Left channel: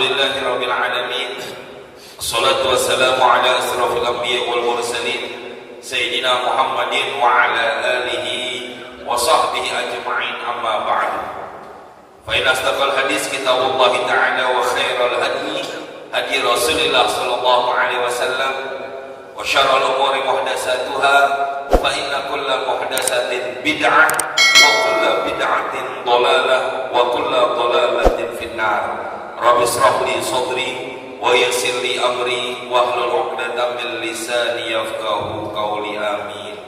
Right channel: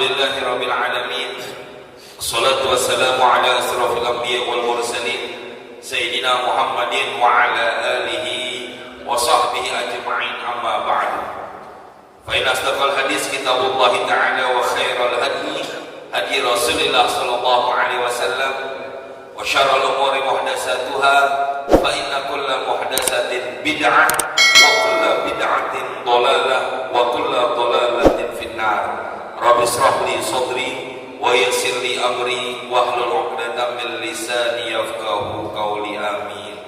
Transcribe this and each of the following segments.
Alhamdulillahirabbil alamin. Wassalatu wassalamu ala asrofil anbiya wal mursalin Sayyidina Muhammadin wa ala alihi wa sahbihi ajma'in, amma ba'du. Fa inna asdaqal hadis kitabullah ta'ala wa khairal hadi Rasulillah sallallahu alaihi wasallam wa syarrul umuri muhdatsatuha fa inna kulla muhdatsatin bid'ah wa kulla bid'atin dhalalah wa kulla dhalalatin finnar. Rabbi shrah li sadri wa yassir li amri wahlul 'uqdatam min lisani yafqahu qawli. Amin.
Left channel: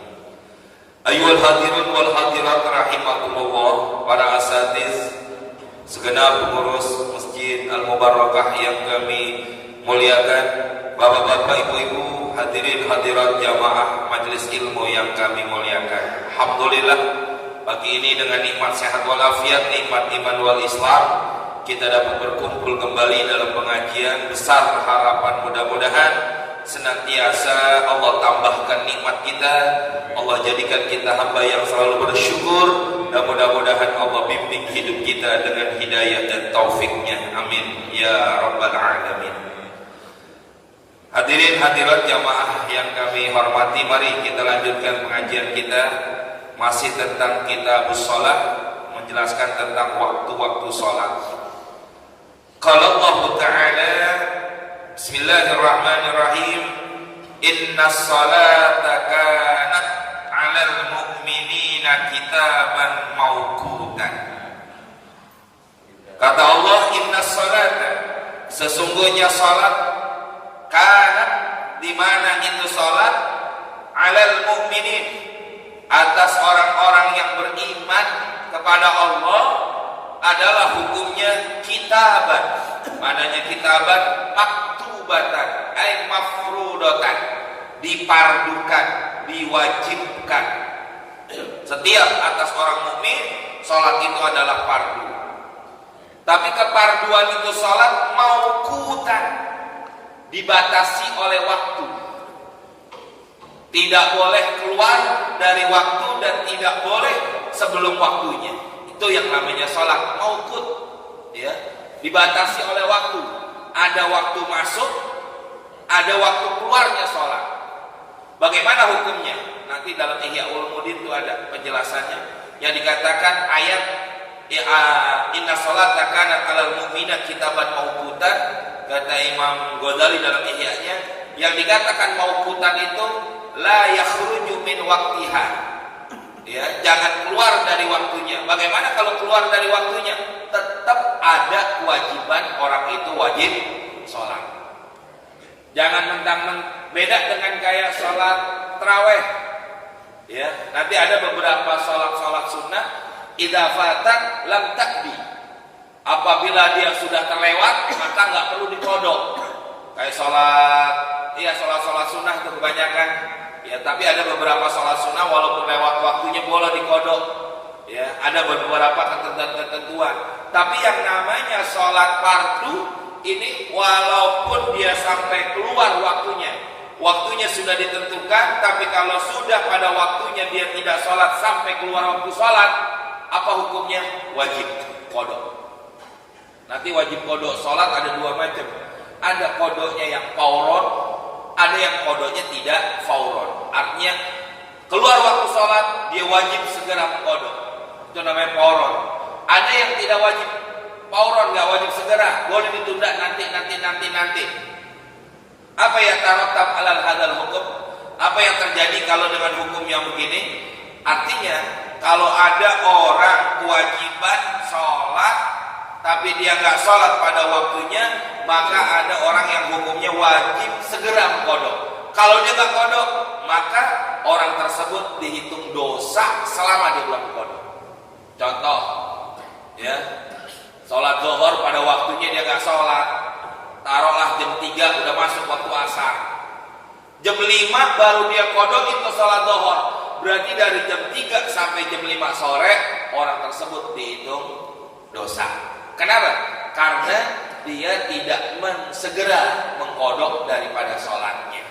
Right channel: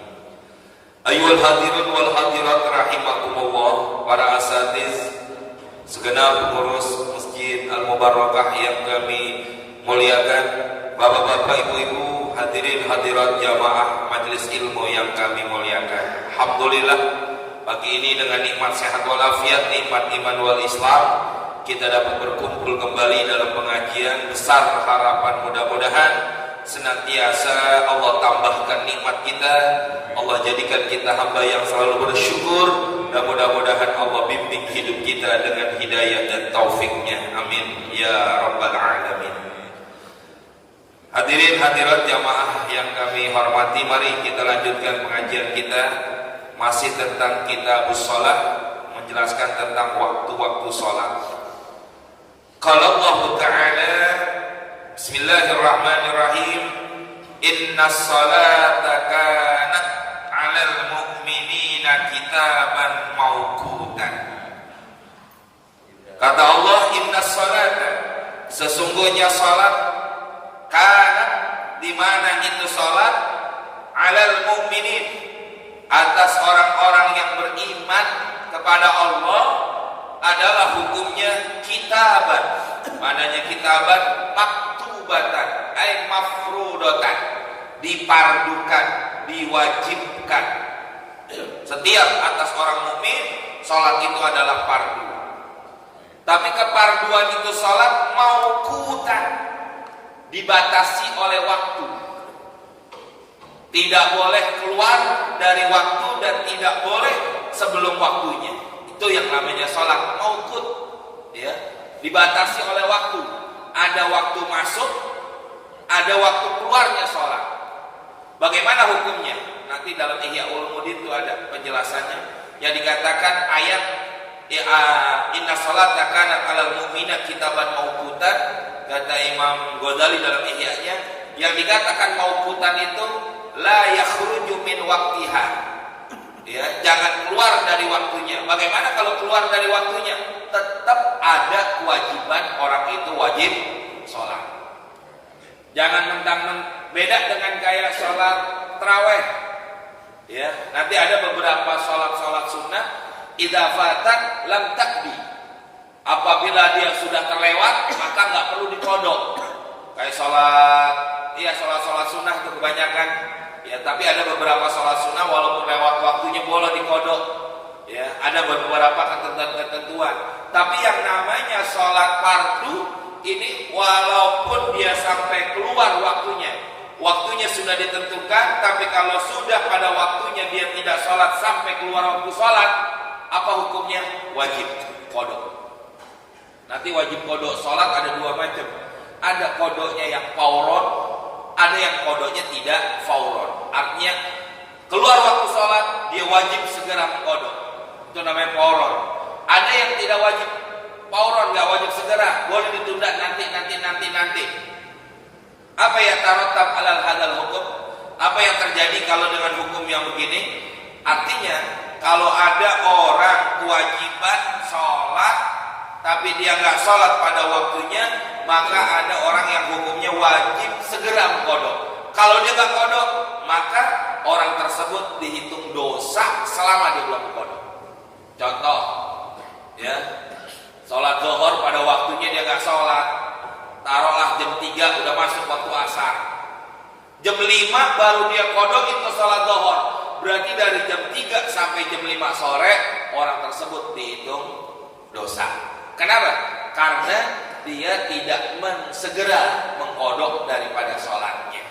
Ayyuhal hadirin wal hadirat rahimakumullah, para asatiz, segenap pengurus Masjid Al-Mubarakah yang kami muliakan, bapak-bapak, ibu-ibu, hadirin hadirat jamaah majelis ilmu yang kami muliakan. Alhamdulillah, pagi ini dengan nikmat sehat walafiat, nikmat iman wal Islam, kita dapat berkumpul kembali dalam pengajian. Besar harapan mudah-mudahan senantiasa Allah tambahkan nikmat kita, Allah jadikan kita hamba yang selalu bersyukur, dan mudah-mudahan Allah bimbing hidup kita dengan hidayah dan taufiknya. Amin ya rabbal alamin. Hadirin hadirat jamaah yang kami hormati, mari kita lanjutkan pengajian kita masih tentang kitabus shalah, menjelaskan tentang waktu-waktu salat. Qala Allah Ta'ala, Bismillahirrahmanirrahim, Innas salata kanat 'alal mu'minina kitaban mawqutan. Kata Allah, innas salata, sesungguhnya salat, kanat, di mana itu salat, 'alal mu'minin, atas orang-orang yang beriman kepada Allah, adalah hukumnya kitaban. Mananya kitaban? Maktubatan, ay mafrudatan, dipardukan, diwajibkan. Setiap atas orang mukmin salat itu adalah fardu. Tapi keparduan itu salat mauqutan, dibatasi oleh waktu. Tidak boleh keluar dari waktu dan tidak boleh sebelum waktunya. Itu yang namanya sholat mauqut, ya, dibatasi oleh waktu. Ada waktu masuk, ada waktu keluarnya sholat. Bagaimana hukumnya? Nanti dalam Ihya Ulumuddin itu ada penjelasannya. Yang dikatakan ayat inna sholata kanat 'alal mu'minina kitaban mauqutan, kata Imam Ghazali dalam Ihya-nya, yang dikatakan mauqutan itu la yakhruju min waqtiha. Ya, jangan keluar dari waktunya. Bagaimana kalau keluar dari waktunya? Tetap ada kewajiban orang itu wajib sholat. Jangan beda dengan kayak sholat tarawih. Ya, nanti ada beberapa sholat sunnah, idza fatat lam takbi. Apabila dia sudah terlewat, maka nggak perlu dikodok. Kayak sholat sunnah itu kebanyakan. Ya, tapi ada beberapa sholat sunnah walaupun lewat waktunya boleh dikodok. Ya, ada beberapa ketentuan. Tapi yang namanya sholat fardu ini walaupun dia sampai keluar waktunya sudah ditentukan, tapi kalau sudah pada waktunya dia tidak sholat sampai keluar waktu sholat, apa hukumnya? Wajib kodok. Nanti wajib kodok sholat ada dua macam. Ada kodoknya yang fauron, ada yang kodoknya tidak fauron. Artinya keluar waktu sholat dia wajib segera mengkodok. Itu namanya fauron. Ada yang tidak wajib fauron, nggak wajib segera, boleh ditunda nanti. Apa yang tarattab alal hadal hukum? Apa yang terjadi kalau dengan hukum yang begini? Artinya kalau ada orang kewajiban sholat tapi dia nggak sholat pada waktunya, maka ada orang yang hukumnya wajib segera mengkodok. Kalau dia nggak kodok, maka orang tersebut dihitung dosa selama dia belum kodok. Contoh, ya, sholat zuhur pada waktunya dia nggak sholat, taruhlah jam 3 udah masuk waktu asar, jam 5 baru dia kodok itu sholat zuhur, berarti dari jam 3 sampai jam 5 sore orang tersebut dihitung dosa. Kenapa? Karena dia tidak segera mengkodok daripada sholatnya.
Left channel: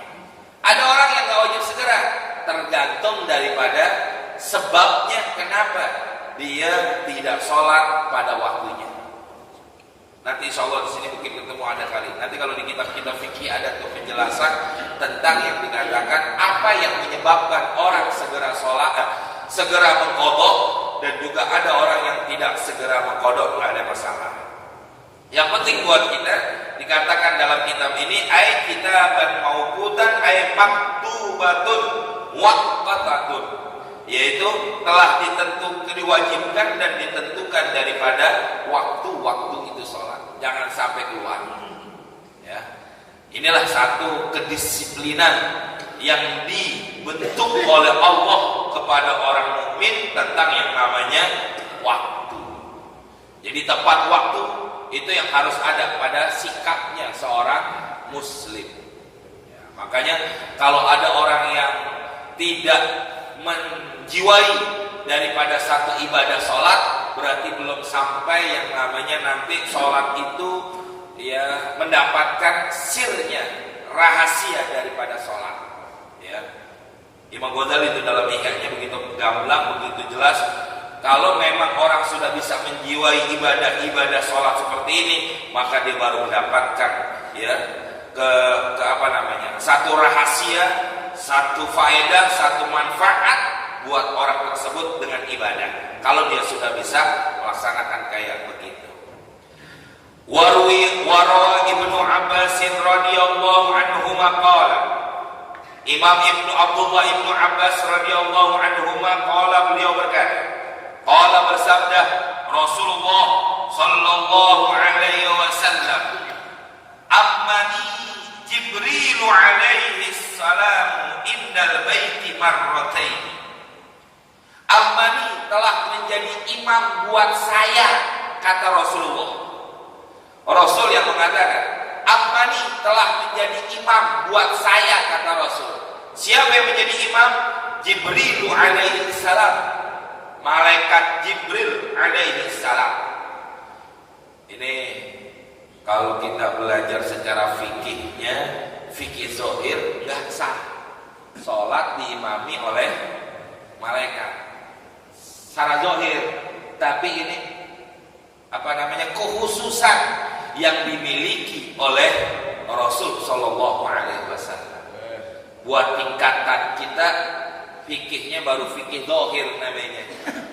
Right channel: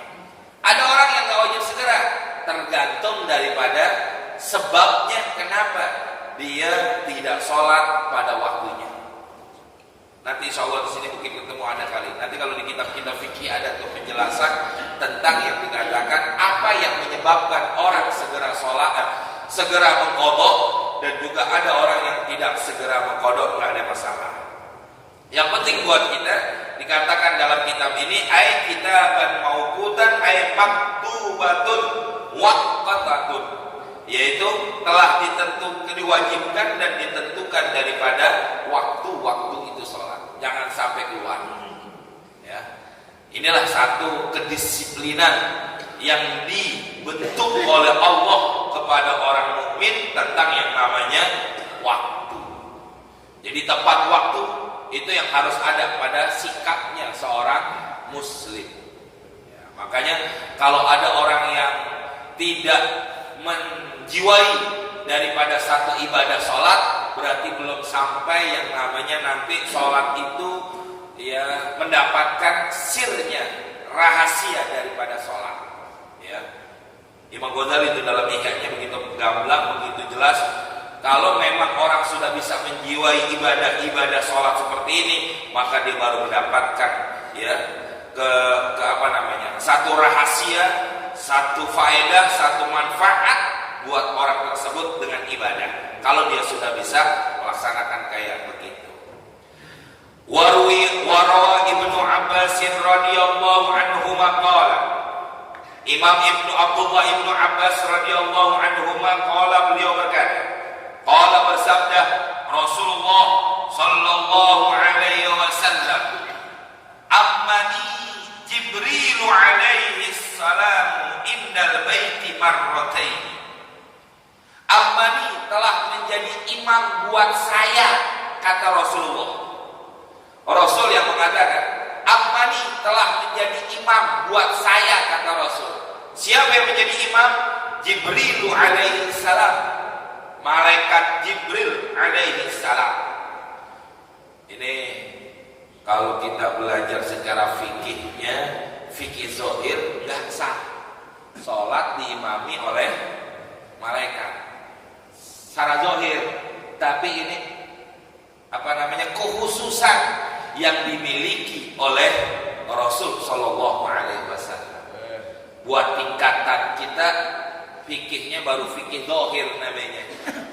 Ada orang yang gak wajib segera, tergantung daripada sebabnya kenapa dia tidak sholat pada waktunya. Nanti insya Allah di sini mungkin ketemu ada kali. Nanti kalau di kitab-kitab fikih ada tuh penjelasan tentang yang dikatakan apa yang menyebabkan orang segera sholat, segera mengqadha, dan juga ada orang yang tidak segera mengqadha, nggak ada masalah. Yang penting buat kita dikatakan dalam kitab ini ay kitaban mauqutan ay maktubatun waqtatun, yaitu telah ditentukan, diwajibkan dan ditentukan daripada waktu-waktu itu sholat, jangan sampai keluar. Ya, inilah satu kedisiplinan yang dibentuk oleh Allah kepada orang mukmin tentang yang namanya waktu. Jadi tepat waktu itu yang harus ada pada sikapnya seorang muslim. Ya, makanya kalau ada orang yang tidak menjiwai daripada satu ibadah sholat, berarti belum sampai yang namanya nanti sholat itu ya mendapatkan sirnya, rahasia daripada sholat. Ya. Imam Ghazali itu dalam Ihya-nya begitu gamblang, begitu jelas. Kalau memang orang sudah bisa menjiwai ibadah sholat seperti ini, maka dia baru mendapatkan ya ke apa namanya, satu rahasia, satu faedah, satu manfaat buat orang tersebut dengan ibadah. Kalau dia sudah bisa melaksanakan kayak begitu. Warwi Ibnu Abbas radhiyallahu anhu qala, Imam Abdullah Ibnu Abbas radhiyallahu anhu qala, beliau berkata, qala bersabda Rasulullah sallallahu alaihi wasallam, ammani Jibril alaihi salam indal baiti marratain. Ammani telah menjadi imam buat saya, kata Rasulullah. Rasul yang mengatakan, ammani telah menjadi imam buat saya, kata Rasul. Siapa yang menjadi imam? Jibril alaihi salam, malaikat Jibril alaihi salam. Ini kalau kita belajar secara fikihnya, fikih zahir nggak sah sholat diimami oleh malaikat secara zahir, tapi ini apa namanya, kekhususan yang dimiliki oleh Rasul Shallallahu Alaihi Wasallam. Buat tingkatan kita fikihnya baru fikih zahir namanya,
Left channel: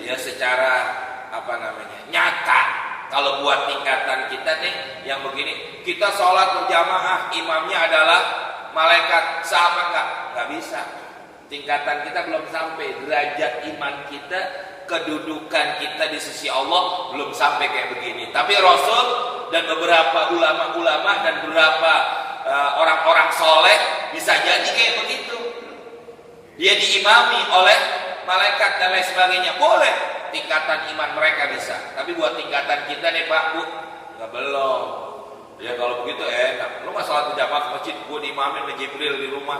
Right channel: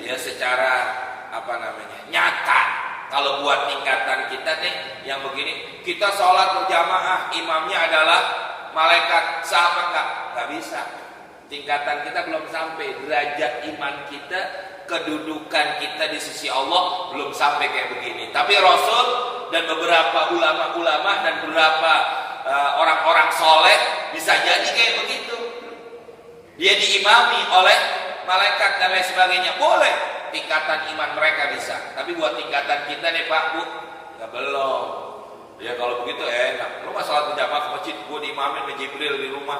ya secara apa namanya, nyata. Kalau buat tingkatan kita nih yang begini, kita sholat berjamaah, imamnya adalah malaikat, sama nggak bisa. Tingkatan kita belum sampai, derajat iman kita, kedudukan kita di sisi Allah belum sampai kayak begini. Tapi Rasul dan beberapa ulama-ulama dan beberapa orang-orang soleh bisa jadi kayak begitu. Dia diimami oleh malaikat dan lain sebagainya, boleh. Tingkatan iman mereka bisa. Tapi buat tingkatan kita nih Pak, Bu, nggak belum. Ya kalau begitu enak. Lu mah sholat berjamaah ke masjid, gue diimamin sama Jibril di rumah.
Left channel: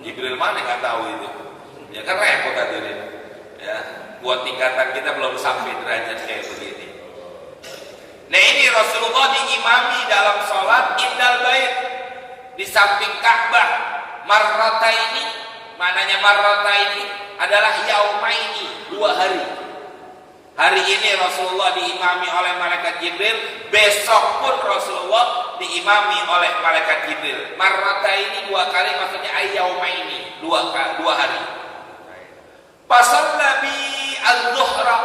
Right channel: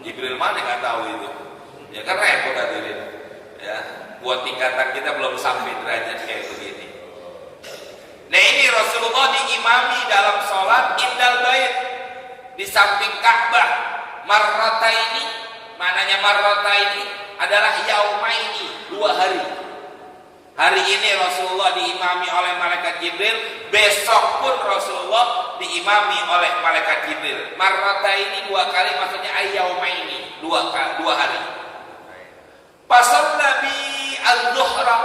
Jibril mana nggak tahu itu. Ya kan repot tadi. Ya, buat tingkatan kita belum sampai derajat kayak begini. Nah ini Rasulullah diimami dalam sholat indal bait, di samping Ka'bah. Marrataini, mananya marrataini adalah yaumaini, 2 hari. Hari ini Rasulullah diimami oleh malaikat Jibril, besok pun Rasulullah diimami oleh malaikat Jibril. Marrataini 2 kali, maksudnya ayyaumaini, 2 hari. Pasal Nabi al-Zuhra,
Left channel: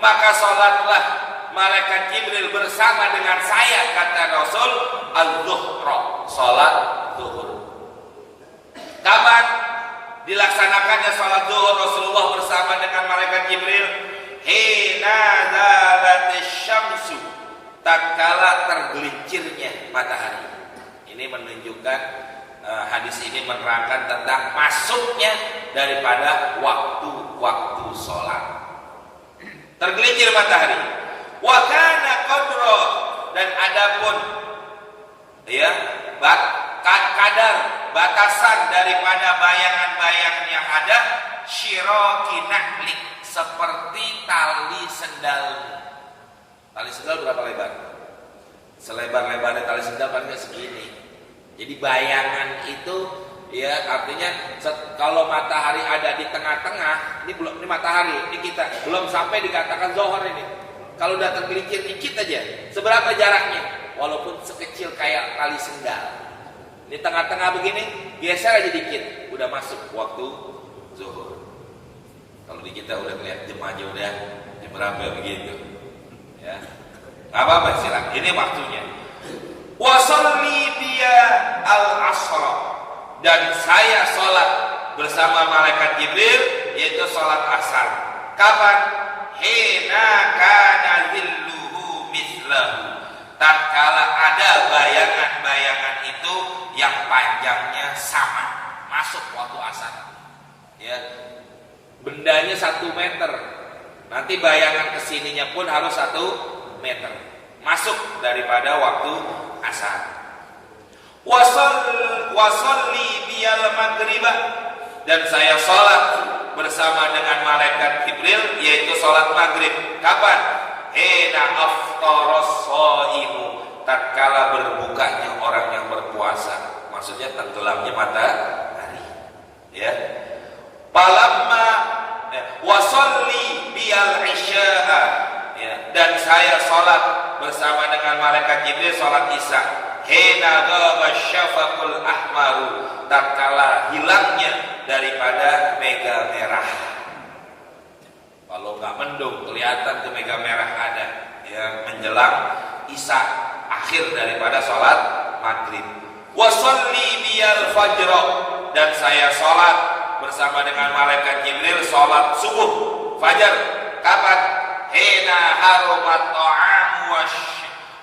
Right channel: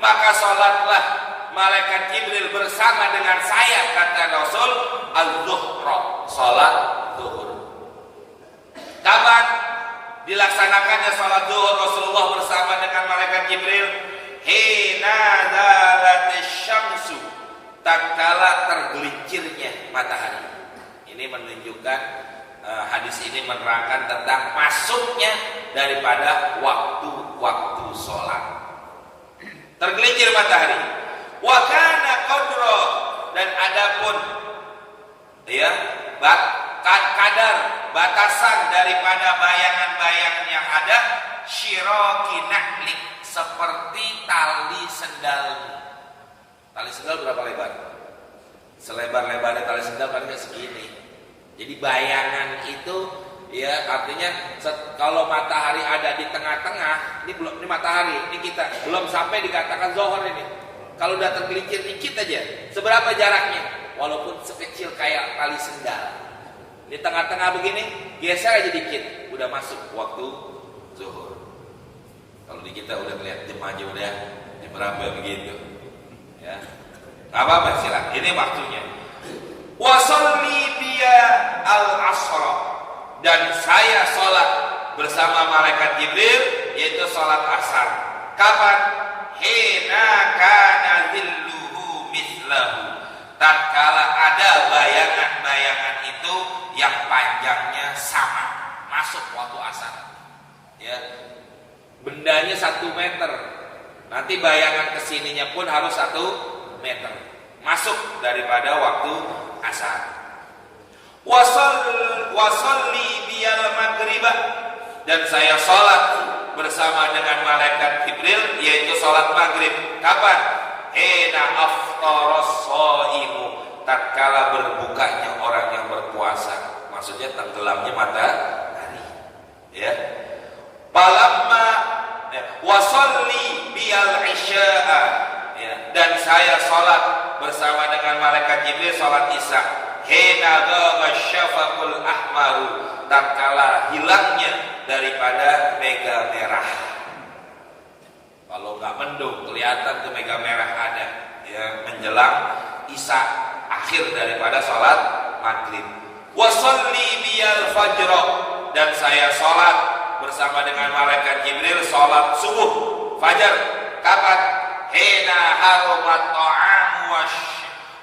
maka sholatlah malaikat Jibril bersama dengan saya, kata Rasul, al-Zuhra, sholat zuhur. Kapan dilaksanakannya sholat zuhur Rasulullah bersama dengan malaikat Jibril? Hina zalatis syamsu, tatkala tergelincirnya matahari. Ini menunjukkan hadis ini menerangkan tentang masuknya daripada waktu-waktu sholat. Tergelincir matahari. Wa kana qadra, dan adapun ya kadar batasan daripada bayangan-bayangan yang ada, syiraki nahlik, seperti tali sendal. Tali sendal berapa lebar? Selebar-lebarnya tali sendal paling segini. Jadi bayangan itu ya artinya kalau matahari ada di tengah-tengah, ini belum, ini matahari, ini kita belum sampai dikatakan zuhur ini. Kalau udah tergelincir dikit aja, seberapa jaraknya? Walaupun sekecil kayak tali sendal. Di tengah-tengah begini, geser aja dikit, udah masuk waktu zuhur. Kalau di kita udah lihat jam aja udah diperambah begitu. Ya, nggak apa-apa silakan. Ini waktunya. Wasalli biya al-asra, dan saya sholat bersama malaikat Jibril, yaitu sholat asar. Kapan? Hina kana zilluhu mislahu, tatkala ada bayangan-bayangan itu yang panjangnya sama, masuk waktu asar. Ya, bendanya 1 meter, nanti bayangan kesininya pun harus 1 meter, masuk daripada waktu asar. Wasalli biyal maghribah, dan saya sholat bersama dengan malaikat Jibril, yaitu sholat maghrib. Kapan? Hina aftaras shaimu, tatkala berbukanya orang yang berpuasa, maksudnya tenggelamnya matahari. Ya. Palamma wasalli biyal isya'a, ya. Dan saya sholat bersama dengan malaikat Jibril sholat isya. Hina ghaba syafaqul ahmaru, tatkala hilangnya daripada mega merah. Kalau nggak mendung kelihatan tuh mega merah ada, yang menjelang isya akhir daripada sholat maghrib. Wasalli biyal fajr, dan saya sholat bersama dengan malaikat Jibril sholat subuh fajar. Kapan? Hina harumat ta'amu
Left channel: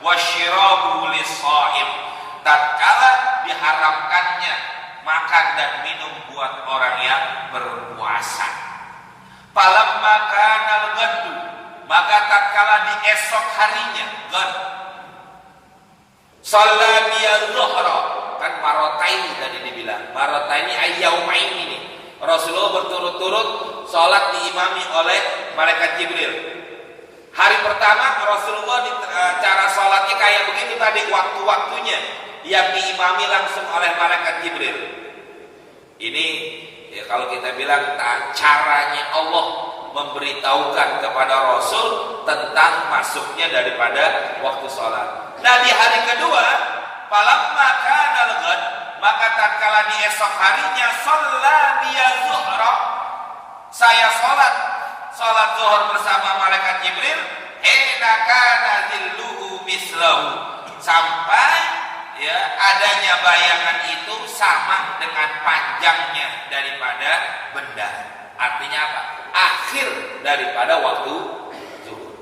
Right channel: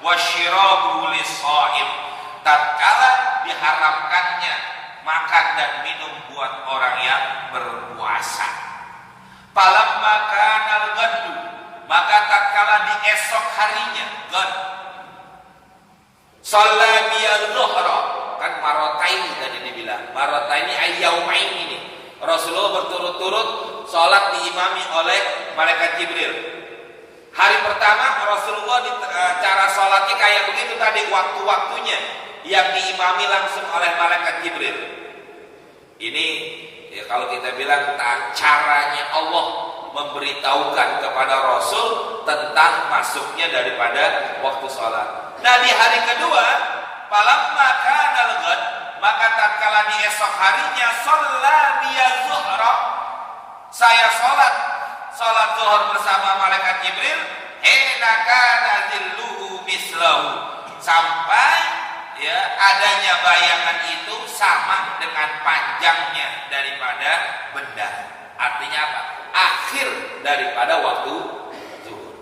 wasyirabu lis-shaim, tatkala diharamkannya makan dan minum buat orang yang berpuasa. Falamma kana al-ghaddu, maka tatkala di esok harinya, ghad, shalla biyadh-dhuhra, kan marotaini tadi dibilang, marotaini ayyaumain ini. Rasulullah berturut-turut sholat diimami oleh malaikat Jibril. Hari pertama Rasulullah cara sholatnya kayak begitu tadi, waktu-waktunya yang diimami langsung oleh malaikat Jibril. Ini ya, kalau kita bilang caranya Allah memberitahukan kepada Rasul tentang masuknya daripada waktu sholat. Nah, di hari kedua, falamma kana al-ghad, maka tatkala di esok harinya, shalla biyadh-dhuhra, saya sholat zuhur bersama malaikat Jibril. Hina kana zilluhu mislahu, sampai ya adanya bayangan itu sama dengan panjangnya daripada benda. Artinya apa? Akhir daripada waktu zuhur.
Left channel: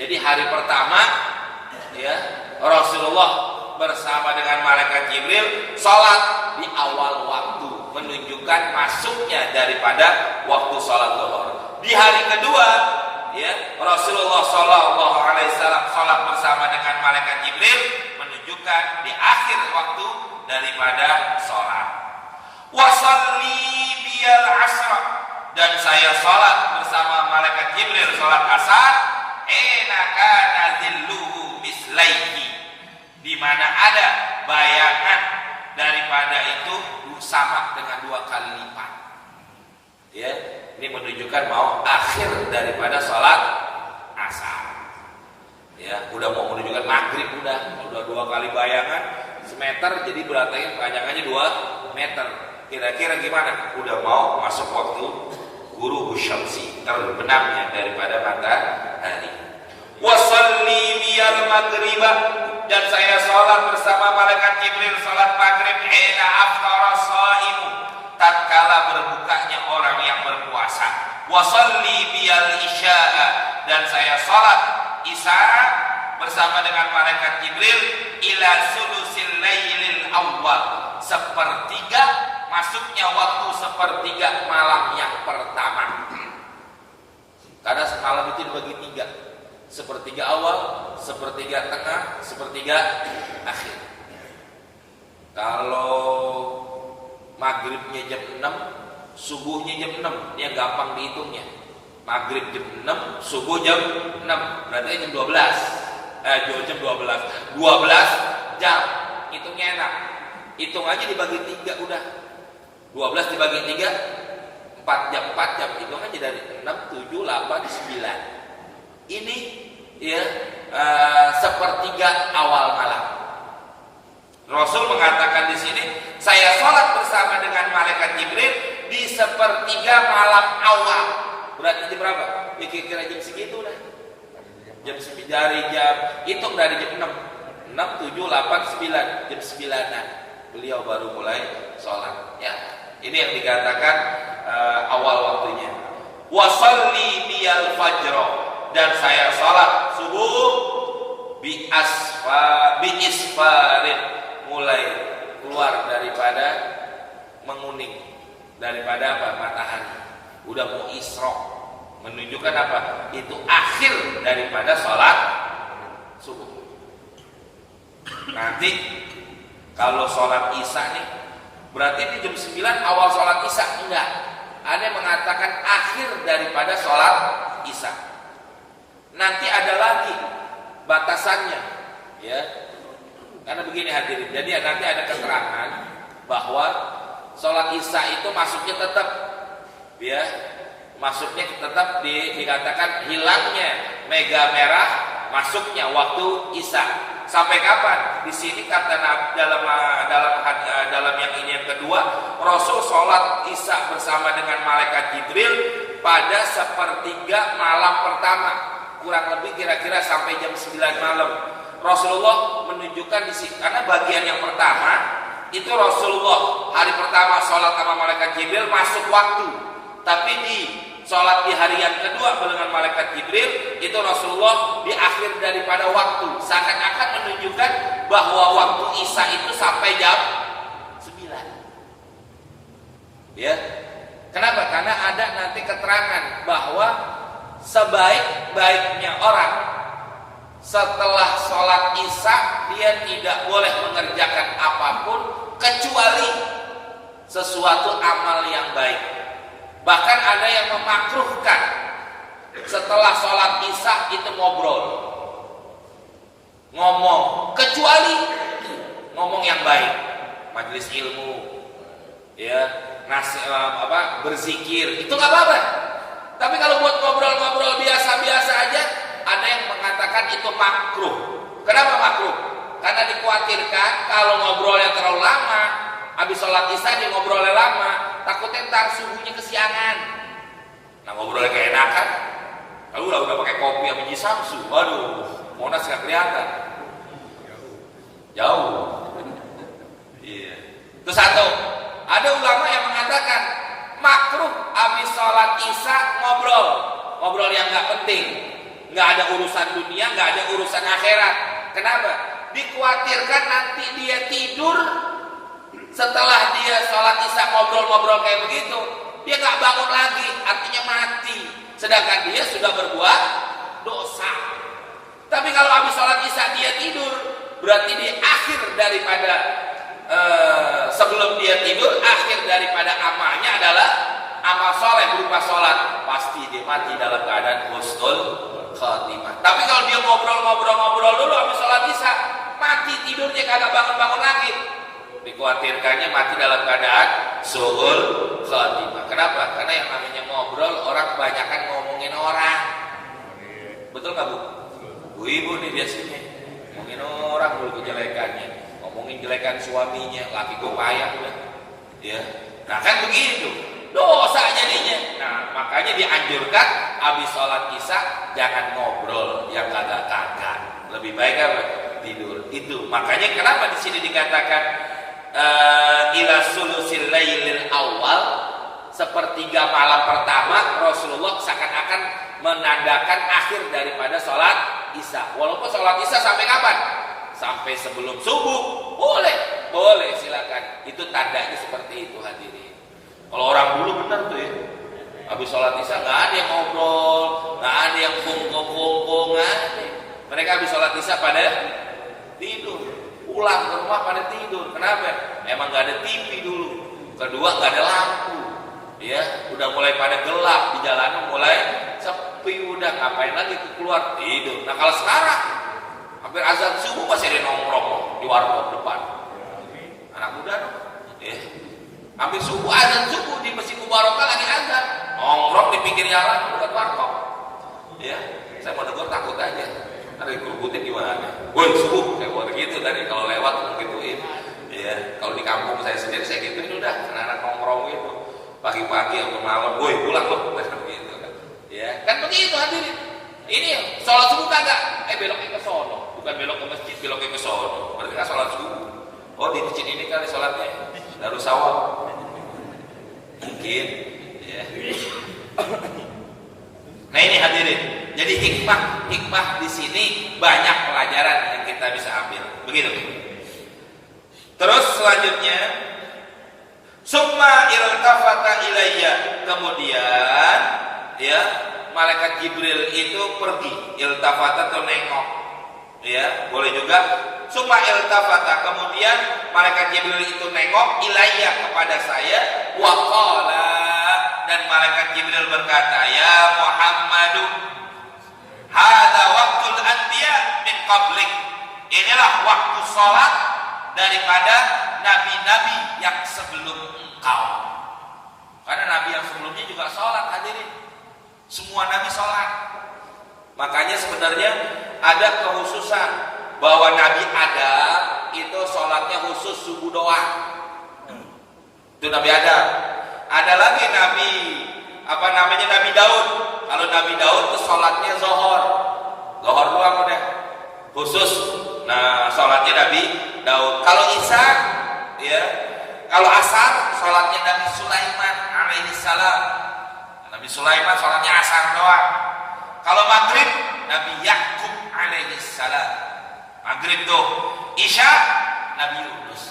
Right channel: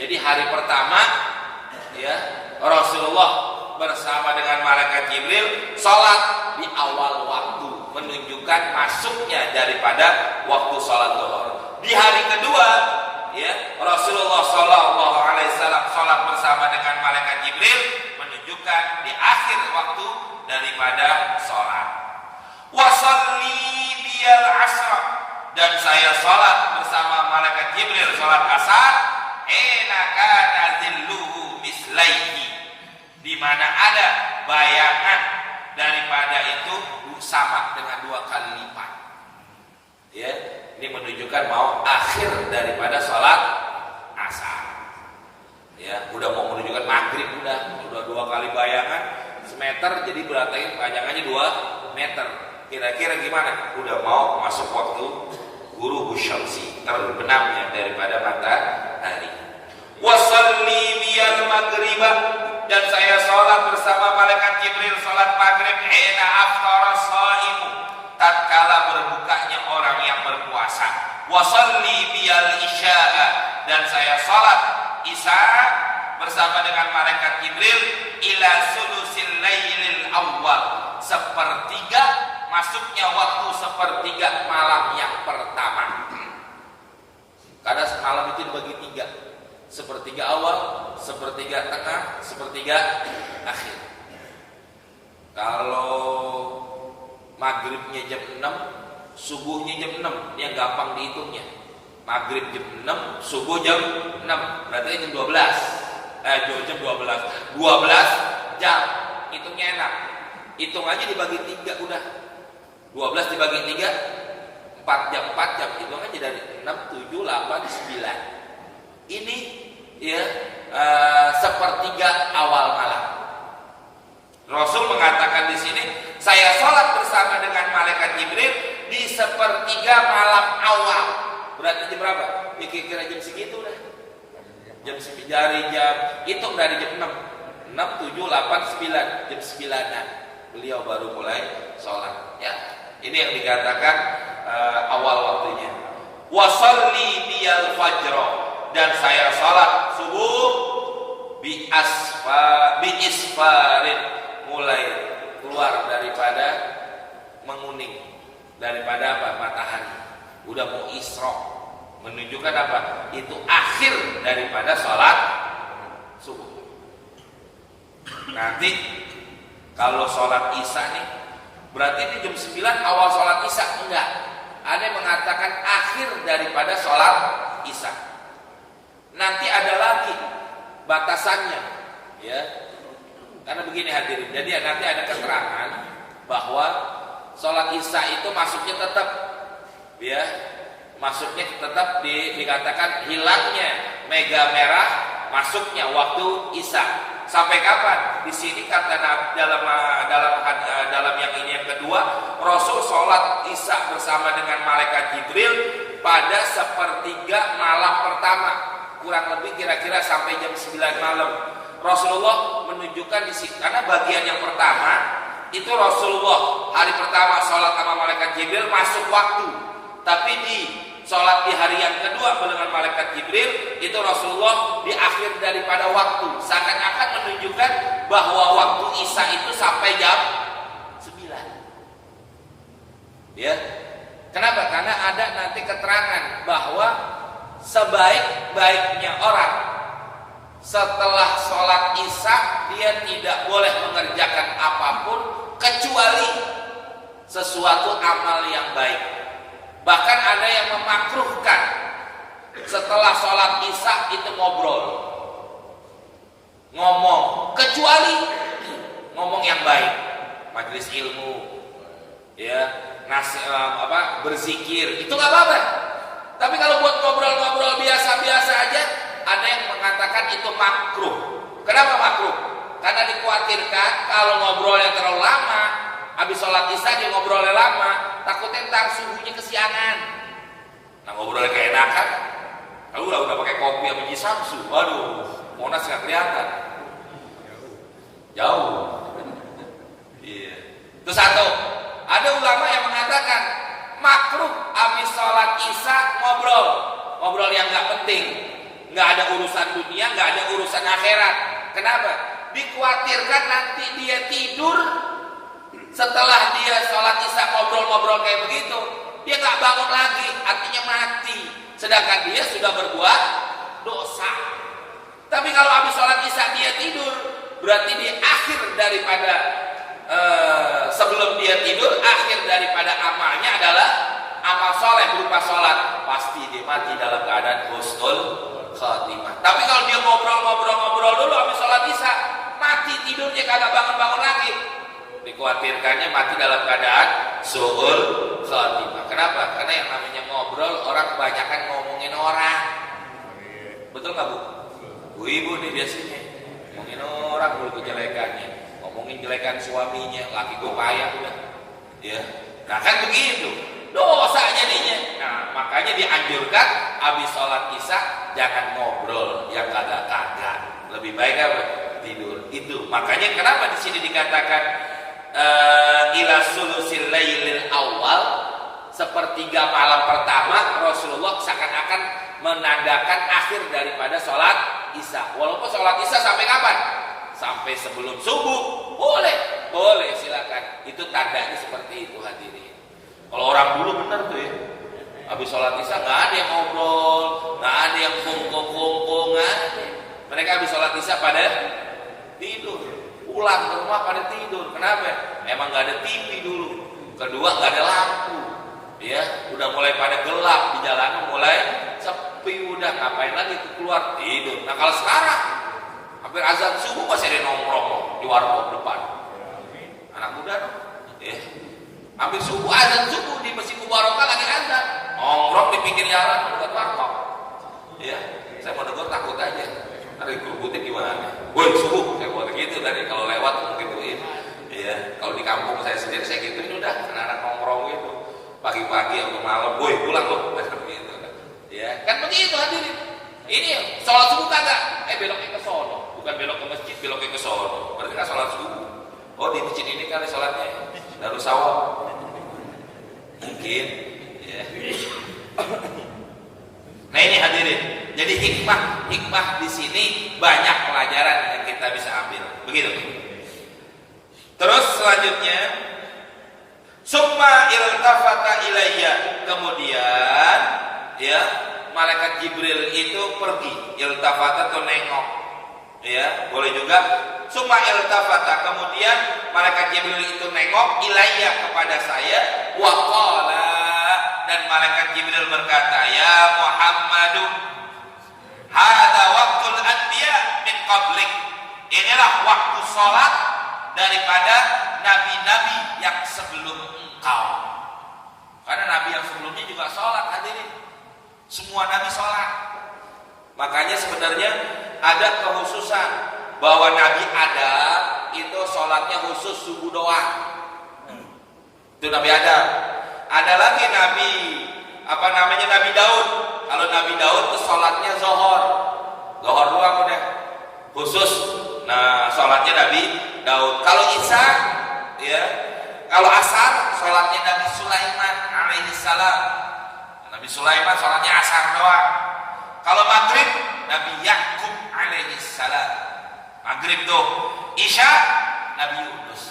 Jadi hari pertama ya Rasulullah bersama dengan malaikat Jibril sholat di awal waktu, menunjukkan masuknya daripada waktu sholat zuhur. Di hari kedua ya Rasulullah Shallallahu Alaihi Wasallam sholat bersama dengan malaikat Jibril, menunjukkan di akhir waktu daripada sholat. Wasalli biyal asr, dan saya sholat bersama malaikat Jibril sholat asar. Ena kana zilluhu mislaihi, di mana ada bayangan daripada itu sama dengan 2 kali lipat. Ya, ini menunjukkan mau akhir daripada sholat asar. Ya, udah mau menunjukkan maghrib, udah 2 kali bayangan semeter, jadi berarti panjangannya 2 meter. Kira-kira gimana? Udah mau masuk waktu ghurubu syamsi, terbenamnya daripada matahari. Wasalli biyal maghribah, dan saya sholat bersama malaikat Jibril sholat maghrib. Hina aftara shaimu, tatkala berbukanya orang yang berpuasa. Wasalli biyal isya'a, dan saya sholat isya bersama dengan malaikat Jibril. Ila sulusil lailil awal, sepertiga masuknya waktu sepertiga malam yang pertama. Karena semalam itu dibagi 3. Sepertiga awal, sepertiga tengah, sepertiga akhir. Kalau maghribnya jam 6, subuhnya jam 6, ini yang gampang dihitungnya. Maghrib jam 6, subuh jam 6, berarti jam 12. Jam 12. 12 jam, hitungnya enak. Hitung aja dibagi 3 udah. 12 dibagi 3, 4 jam, hitung aja dari 6, 7, 8, 9. Ini ya sepertiga awal malam. Rasul mengatakan di sini, saya sholat bersama dengan malaikat Jibril di sepertiga malam awal. Berarti jam berapa? Ya kira-kira jam segitu dah. Jam 9 dari jam, hitung dari jam 6, 7, 8, 9, jam 9-an beliau baru mulai sholat. Ya, ini yang dikatakan awal waktunya. Wasalli biyal fajro, dan saya sholat subuh bi isfarin, mulai keluar daripada menguning, daripada apa? Matahari. Udah mau isrok, menunjukkan apa? Itu akhir daripada sholat subuh. Nanti kalau sholat isya nih, berarti itu jam 9 awal sholat isya. Enggak, ada yang mengatakan akhir daripada sholat isya. Nanti ada lagi batasannya, ya. Karena begini hadirin, jadi nanti ada keterangan bahwa sholat isya itu masuknya tetap, ya, masuknya tetap dikatakan hilangnya mega merah, masuknya waktu isya. Sampai kapan? Di sini kata dalam yang ini yang kedua, Rasul sholat isya bersama dengan malaikat Jibril pada sepertiga malam pertama, kurang lebih kira-kira sampai jam 9 malam. Rasulullah menunjukkan di sini, karena bagian yang pertama itu Rasulullah hari pertama sholat sama malaikat Jibril masuk waktu, tapi di sholat di hari yang kedua dengan malaikat Jibril itu Rasulullah di akhir daripada waktu, seakan-akan menunjukkan bahwa waktu isya itu sampai jam 9. Ya, kenapa? Karena ada nanti keterangan bahwa sebaik-baiknya orang setelah sholat isya dia tidak boleh mengerjakan apapun kecuali sesuatu amal yang baik. Bahkan ada yang memakruhkan setelah sholat isya itu ngomong, kecuali ngomong yang baik, majelis ilmu, ya, berzikir, itu nggak apa-apa. Tapi kalau buat ngobrol-ngobrol biasa-biasa aja, ada yang mengatakan itu makruh. Kenapa makruh? Karena dikhawatirkan kalau ngobrolnya terlalu lama, habis sholat isya dia ngobrolnya lama, takutnya ntar subuhnya kesiangan. Nah, ngobrolnya keenakan. Kalau udah pakai kopi sama Ji Samsu, waduh, Monas nggak kelihatan, jauh. Iya. Terus satu, ada ulama yang mengatakan makruh habis sholat isya ngobrol yang nggak penting. Nggak ada urusan dunia, nggak ada urusan akhirat. Kenapa? Dikhawatirkan nanti dia tidur setelah dia sholat isya ngobrol-ngobrol kayak begitu, dia nggak bangun lagi, artinya mati. Sedangkan dia sudah berbuat dosa. Tapi kalau habis sholat isya dia tidur, berarti di akhir daripada sebelum dia tidur, akhir daripada amalnya adalah amal soleh berupa sholat. Pasti dia mati dalam keadaan husnul khatimah. Tapi kalau dia ngobrol dulu habis sholat isya, mati tidurnya kagak bangun lagi, dikhawatirkannya mati dalam keadaan suhul khatimah. Kenapa? Karena yang namanya ngobrol, orang kebanyakan ngomongin orang. Betul nggak Bu? Bu Ibu nih biasanya ngomongin orang dulu kejelekannya, ngomongin jelekan suaminya, laki gue payah udah. Ya, nah kan begitu dosa jadinya. Nah, makanya dianjurkan habis sholat isya jangan ngobrol yang kagak-kagak. Lebih baik apa? Tidur. Itu makanya kenapa di sini dikatakan ila sulusil lailil awal, sepertiga malam pertama Rasulullah seakan-akan menandakan akhir daripada sholat isya. Walaupun sholat isya sampai kapan? Sampai sebelum subuh boleh silakan. Itu tandanya seperti itu hadirin. Kalau orang dulu benar tuh ya, habis sholat isya nggak ada yang ngobrol, nggak ada yang kongkong, nggak ada. Mereka habis sholat isya pada tidur, pulang ke rumah pada tidur. Kenapa? Emang nggak ada TV dulu. Kedua nggak ada lampu, ya udah mulai pada gelap, di jalanan mulai sepi, udah ngapain lagi tuh keluar tidur. Nah kalau sekarang hampir azan subuh masih ada nongkrong di warung depan, anak muda dong, ya. Hampir subuh azan subuh di Masjid Mubarakah lagi azan, nongkrong di pinggir jalan dekat warung, ya. Saya mau negur takut aja. Nanti kerubutnya gimana? Woi subuh, kayak gue gitu tadi kalau lewat gituin. Ya, kalau di kampung saya sendiri saya gituin udah anak nongkrong itu pagi-pagi atau malam, woi pulang loh, gitu. Ya, kan begitu hadirin. Ini sholat subuh kagak? Beloknya ke sono, bukan belok ke masjid, beloknya ke sono. Berarti kan sholat subuh. Oh di masjid ini kali sholatnya lalu sawah. Mungkin, ya. Nah ini hadirin. Jadi hikmah di sini banyak pelajaran yang kita bisa ambil. Begitu. Terus selanjutnya, summa iltafata ilayya. Kemudian, ya, malaikat Jibril itu pergi. Iltafata atau nengok. Ya, boleh juga. Summa iltafata. Kemudian malaikat Jibril itu nengok ilayya kepada saya. Wa qala, dan malaikat Jibril berkata, ya Muhammadu, hadza waqtul anbiya min qablik. Inilah waktu salat daripada nabi-nabi yang sebelum engkau. Karena nabi yang sebelumnya juga salat hadirin. Semua nabi salat. Makanya sebenarnya ada kekhususan bahwa Nabi Adam itu salatnya khusus subuh doang. Itu Nabi Adam. Ada lagi Nabi Nabi Daud. Kalau Nabi Daud itu salatnya zuhur. Zuhur doang udah. Khusus. Nah, salatnya Nabi Daud. Kalau Isa, ya. Kalau asar, salatnya Nabi Sulaiman alaihissalam. Nabi Sulaiman salatnya asar doang. Kalau maghrib, Nabi Yakub alaihissalam. Maghrib tuh. Isya, Nabi Yunus.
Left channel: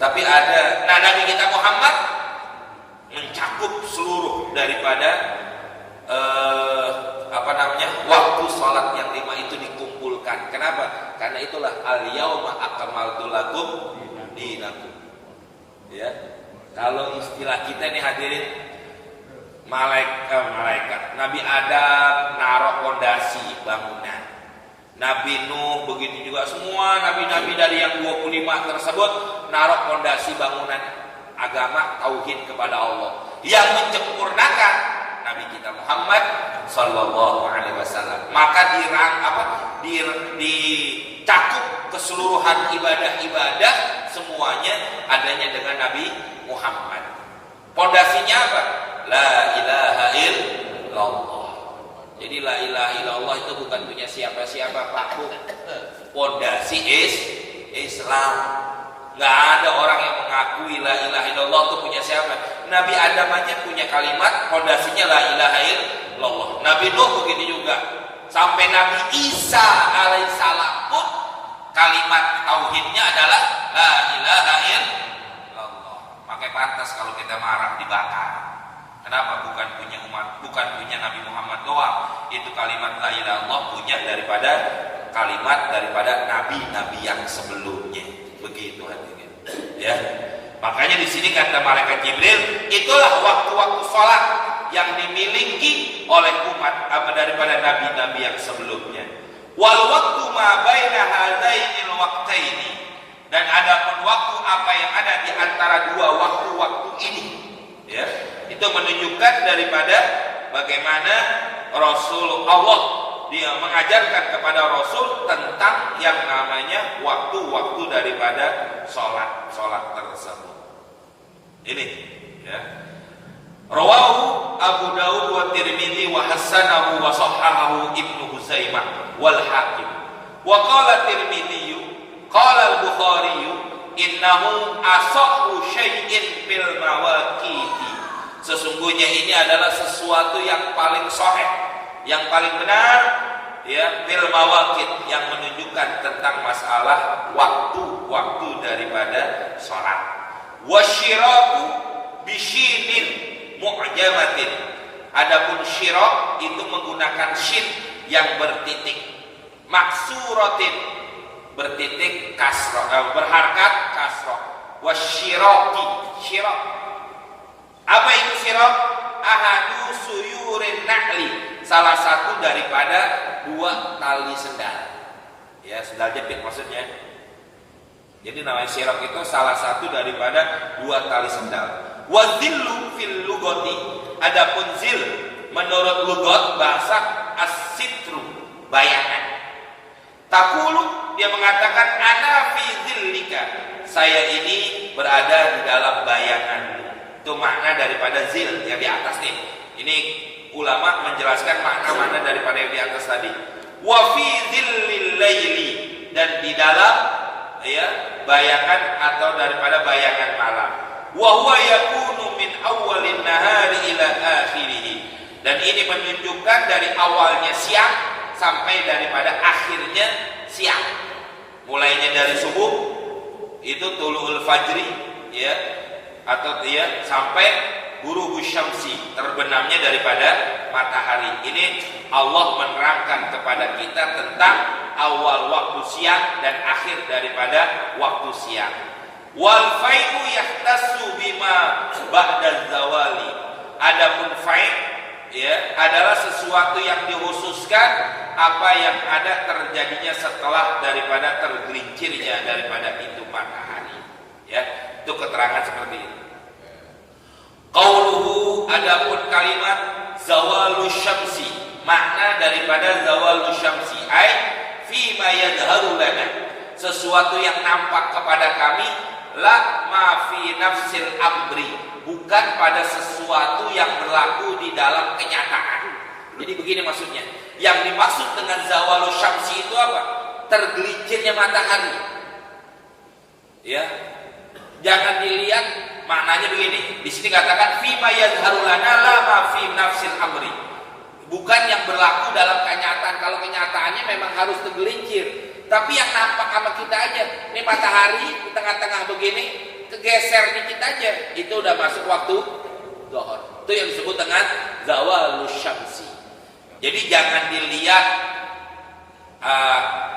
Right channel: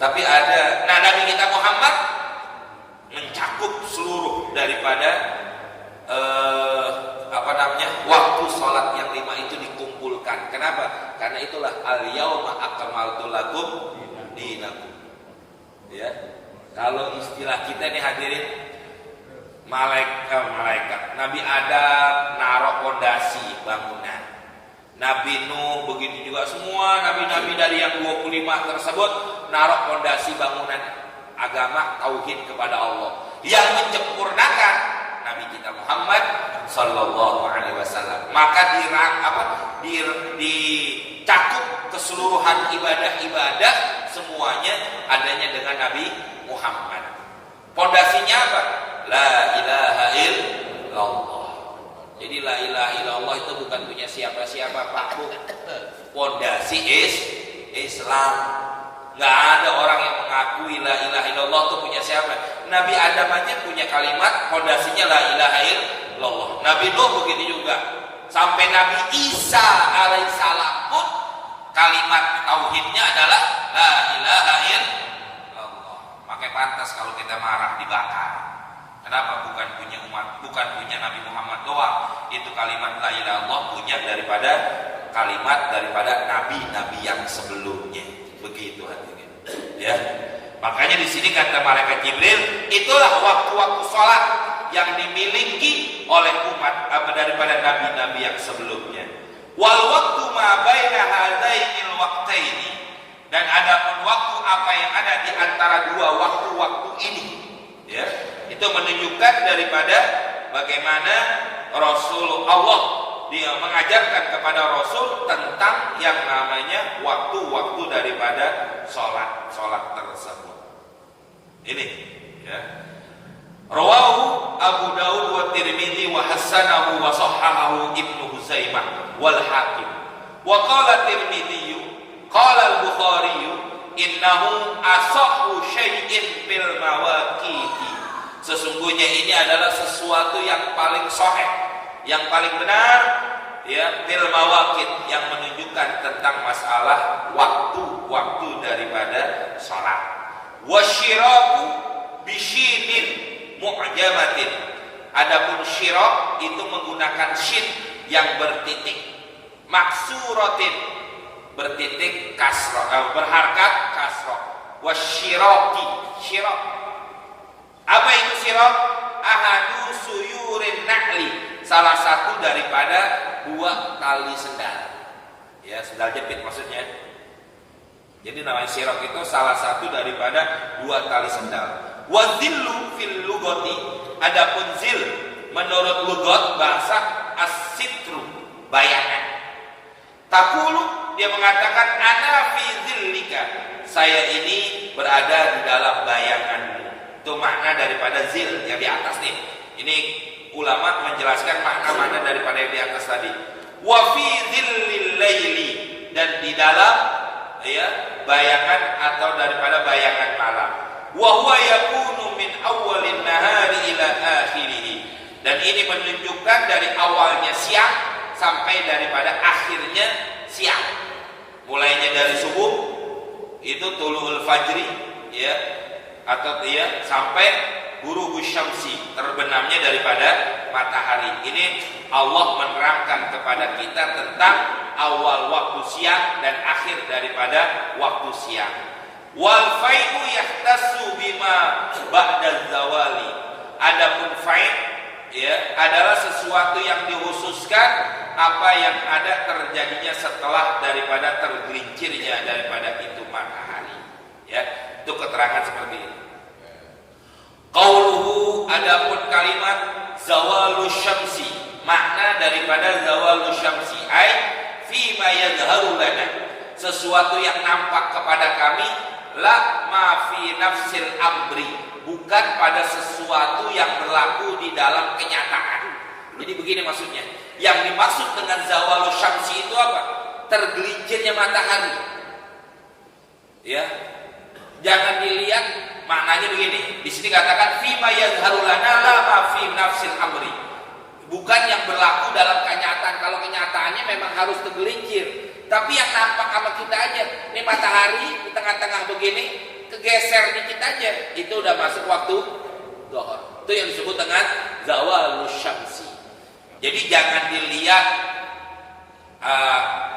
Tapi ada, Nabi kita Muhammad mencakup seluruh daripada waktu sholat yang 5 itu dikumpulkan. Kenapa? Karena itulah al-yauma akmaltu lakum dinakum. Ya. Kalau istilah kita nih hadirin, malaikat Nabi Adam naruh fondasi bangunan, Nabi Nuh begitu juga, semua nabi-nabi dari yang 25 tersebut naruh fondasi bangunan agama tauhid kepada Allah. Yang menyempurnakan Nabi kita Muhammad sallallahu alaihi wasallam. Maka dicakup keseluruhan ibadah-ibadah semuanya adanya dengan Nabi Muhammad. Fondasinya apa? La ilaha illallah. Jadi la ilaha illallah itu bukan punya siapa-siapa, Pak Bu. Fondasi Islam. Nggak ada orang yang mengakui la ilaha illallah itu punya siapa. Nabi Adam aja punya kalimat fondasinya la ilaha illallah. Nabi Nuh begitu juga. Sampai Nabi Isa alaihissalam pun kalimat tauhidnya adalah la ilaha illallah. Makanya pantas kalau kita marah dibakar. Kenapa? Bukan punya umat, bukan punya Nabi Muhammad doang. Itu kalimat la ilaha illallah punya kalimat daripada nabi-nabi yang sebelumnya. Begitu hadirin. Ya. Makanya di sini kata malaikat Jibril, itulah waktu-waktu sholat yang dimiliki oleh umat daripada nabi-nabi yang sebelumnya. Wal waktu ma baina hadainil waqtaini, dan ada pun waktu apa yang ada di antara dua waktu-waktu ini. Ya, itu menunjukkan daripada bagaimana Rasul Allah dia mengajarkan kepada Rasul tentang yang namanya waktu-waktu daripada sholat tersebut. Ini, ya. Rawahu Abu Dawud wa Tirmidzi wa hasanahu wa sahhahahu Ibnu Huzaimah wal Hakim. Wa qala Tirmidzi, qala Al-Bukhari, innahu asahhu syai'in fil mawaqiti. Sesungguhnya ini adalah sesuatu yang paling sahih, yang paling benar, ya, fil mawaqit, yang menunjukkan tentang masalah waktu-waktu daripada salat. Wasyiraku bisyinin mu'jamatin. Adapun syirak itu menggunakan shin yang bertitik, maksuratin bertitik kasrah, berharkat kasrah. Wasyiraki, syirak. Apa itu syirak? Ahadu suyurin na'li, salah satu daripada dua tali sendal. Ya, sendal jepit maksudnya. Jadi namanya syirak itu salah satu daripada dua tali sendal. Wa zillu fil lugati, adapun zil menurut lugat bahasa as-sitru, bayangan. Taqulu, dia mengatakan ana fi dzillika, saya ini berada di dalam bayanganmu. Itu makna daripada zil yang di atas nih. Ini ulama menjelaskan makna-makna daripada yang di atas tadi. Wa fi dzillil laili, dan di dalam bayangan atau daripada bayangan malam. Wa huwa yakunu min awwalin nahari ila akhirih, dan ini menunjukkan dari awalnya siang sampai daripada akhirnya siang. Mulainya dari subuh itu tulu'ul fajri sampai ghurubus syamsi, terbenamnya daripada matahari. Ini Allah menerangkan kepada kita tentang awal waktu siang dan akhir daripada waktu siang. Wal fai'u yahtassu bima ba'da zawali. Adapun fai' adalah sesuatu yang dikhususkan apa yang ada terjadinya setelah daripada tergelincirnya daripada itu matahari. Itu keterangan seperti ini. Qauluhu, adapun kalimat zawalus syamsi, makna daripada zawalus syamsi ai fi ma yadharu lana, sesuatu yang nampak kepada kami, la ma fi nafsil amri, bukan pada sesuatu yang berlaku di dalam kenyataan. Jadi begini maksudnya. Yang dimaksud dengan zawalus syamsi itu apa? Tergelincirnya matahari. Jangan dilihat maknanya begini. Di sini katakan fi ma yadharu lana la ma fi nafsil amri. Bukan yang berlaku dalam kenyataan. Kalau kenyataannya memang harus tergelincir. Tapi yang nampak sama kita aja. Ini matahari di tengah-tengah begini, kegeser dikit aja, itu udah masuk waktu zuhur. Itu yang disebut dengan zawalus syamsi. Jadi jangan dilihat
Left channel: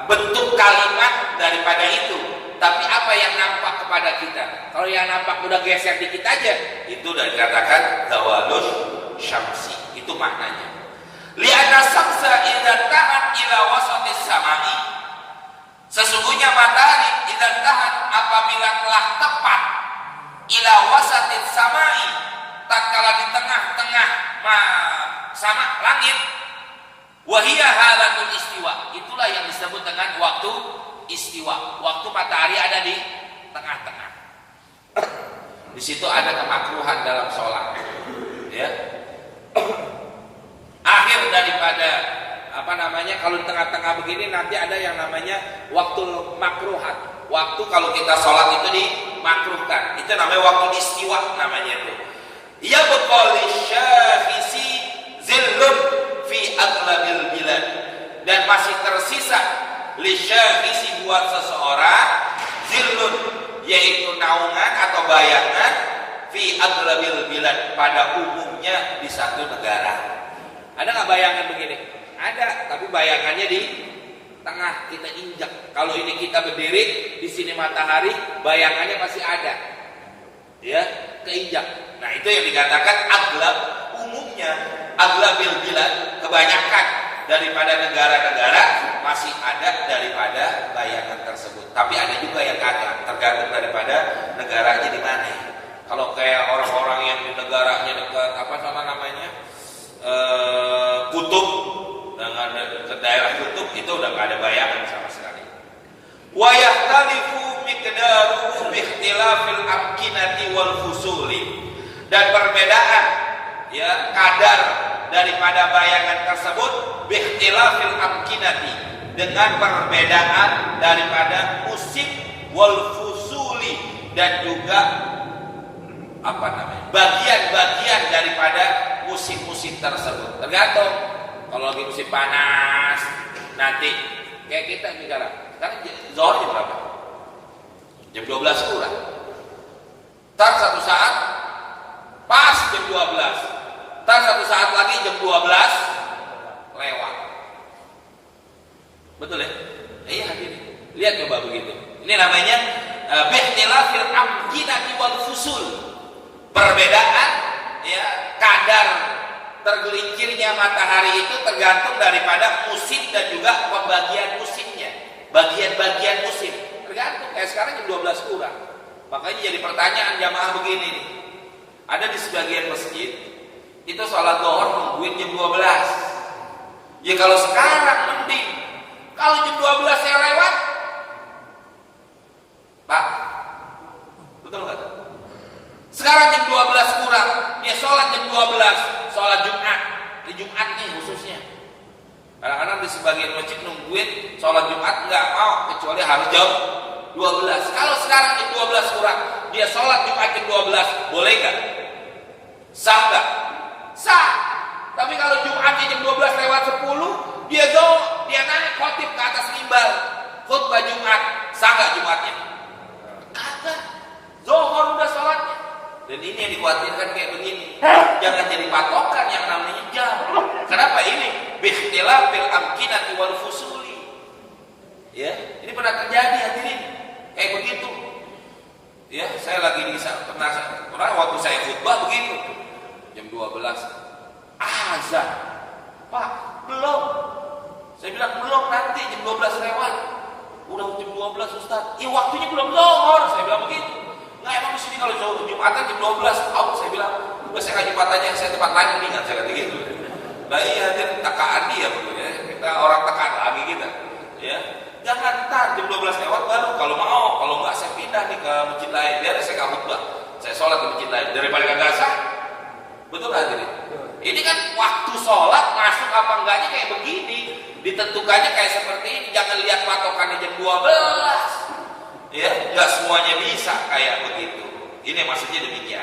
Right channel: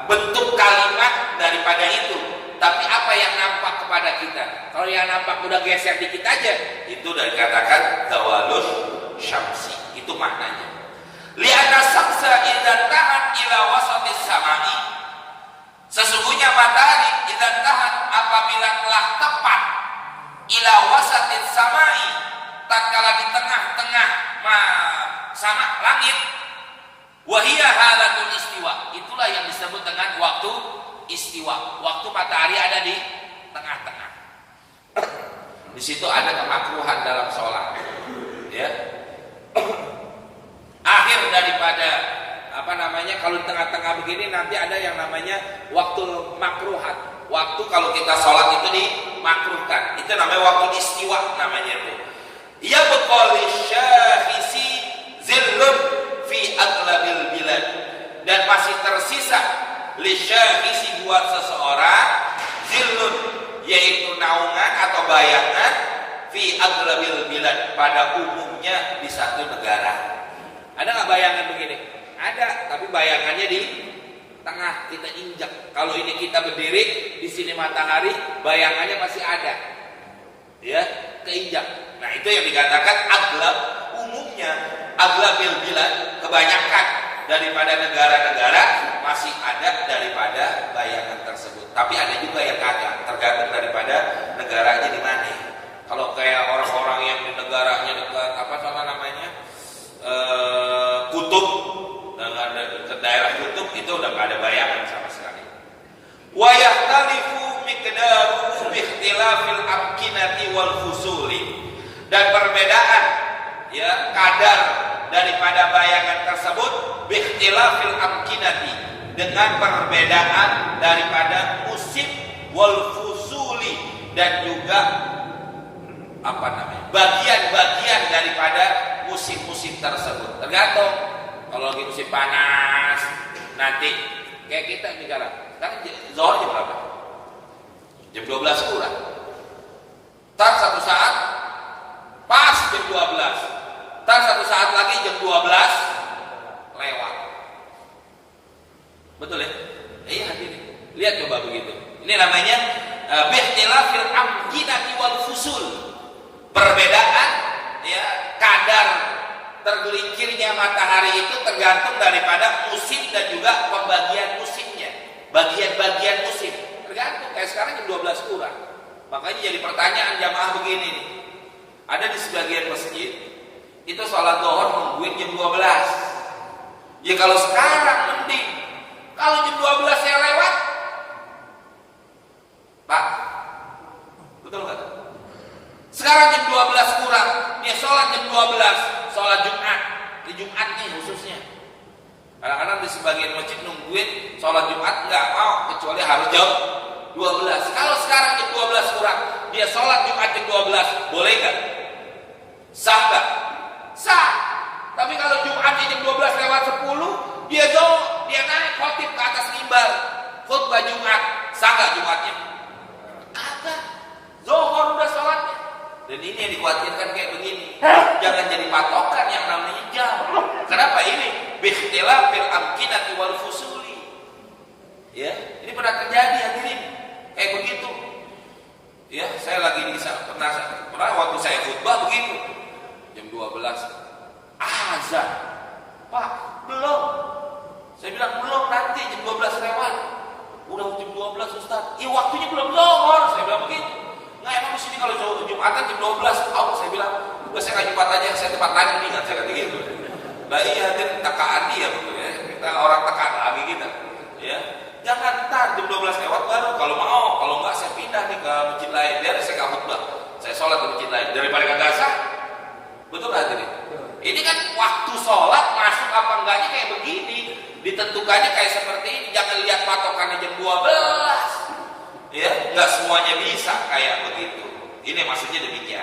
bentuk kalimat daripada itu, tapi apa yang nampak kepada kita. Kalau yang nampak udah geser dikit aja, itu udah dikatakan zawalus syamsi. Itu maknanya. Li'anna samsa idza tahat ila wasatis samai, sesungguhnya matahari idza tahat apabila telah tepat ila wasatis samai, tatkala di tengah-tengah sama langit, wahia halatul istiwa, itulah yang disebut dengan waktu istiwa. Waktu matahari ada di tengah-tengah. Di situ ada kemakruhan dalam sholat. Akhir daripada kalau di tengah-tengah begini nanti ada yang namanya waktu makruhat. Waktu kalau kita sholat itu dimakruhkan. Itu namanya waktu istiwa namanya itu. Ya beqali syahisi zillun fi aglabil bilad, dan masih tersisa li syahisi buat seseorang zillun, yaitu naungan atau bayangan fi aglabil bilad, pada umumnya di satu negara. Ada nggak bayangan begini? Ada, tapi bayangannya di tengah, kita injak. Kalau ini kita berdiri, di sini matahari, bayangannya masih ada, keinjak. Nah itu yang dikatakan aglab, umumnya aglabil bilad, kebanyakan daripada negara-negara masih ada daripada bayangan tersebut. Tapi ada juga yang kagak, tergantung daripada negaranya di mana. Kalau kayak orang-orang yang di negaranya dekat kutub, ke daerah kutub, itu udah nggak ada bayangan sama sekali. Wa yahtalifu miqdaruhu bi ikhtilafil amkinati wal fusuli, dan perbedaan kadar daripada bayangan tersebut bi ikhtilafil amkinati, dengan perbedaan daripada musim wal fusuli, dan juga bagian-bagian daripada musim-musim tersebut. Tergantung. Kalau lagi musim panas, nanti kayak kita sekarang zuhur jam berapa? Jam 12 kurang. Ntar satu saat pas jam 12. Ntar satu saat lagi jam 12 lewat. Betul ya? Iya hadirin. Lihat coba begitu. Ini namanya bihtilafil amkinati wal fusul. Perbedaan kadar tergelincirnya matahari itu tergantung daripada musim dan juga pembagian musimnya. Bagian-bagian musim tergantung. Kayak sekarang jam 12 kurang. Makanya jadi pertanyaan jamaah begini nih. Ada di sebagian masjid itu sholat zuhur nungguin jam 12. Ya kalau sekarang mending. Kalau jam 12 saya lewat, Pak, betul kan? Sekarang jam 12 kurang, dia sholat jam 12, sholat Jumat. Di Jumat nih khususnya. Kadang-kadang di sebagian masjid nungguin sholat Jumat nggak mau, kecuali harus jam 12. Kalau sekarang jam 12 kurang, dia sholat Jumat jam 12, boleh nggak? Sah nggak? Sah. Tapi kalau Jumat jam 12 lewat 10, dia naik khotib ke atas mimbar, khutbah Jumat, sah nggak Jumatnya? Kagak. Zuhur udah sholatnya. Dan ini yang dikhawatirkan kayak begini. Jangan jadi patokan yang namanya jam. Kenapa ini? Bikhtilafil amkinati wal fusuli. Ya, ini pernah terjadi hadirin. Kayak begitu. Ya, saya lagi pernah waktu saya khutbah begitu. Jam 12 azan. Pak, belum. Saya bilang belum, nanti jam 12 lewat. Udah jam 12 Ustaz. Waktunya belum zuhur. Saya bilang begitu. Nggak, emang sini kalau Jumatan jam 12 out. Saya bilang, udah saya nggak Jumat aja, saya tempat lain nih, saya kata gitu. Nah iya, dia tekaan dia ya. Kita orang tekan lagi kita. Ya, jangan ntar jam 12 lewat baru. Kalau mau, kalau nggak saya pindah nih ke masjid lain. Biar saya nggak khutbah. Saya sholat ke masjid lain daripada kagak sah. Betul nggak jadi? Ini kan waktu sholat masuk apa enggaknya kayak begini. Ditentukannya kayak seperti ini. Jangan lihat patokannya jam 12. Ya, nggak semuanya bisa kayak begitu. Ini maksudnya demikian.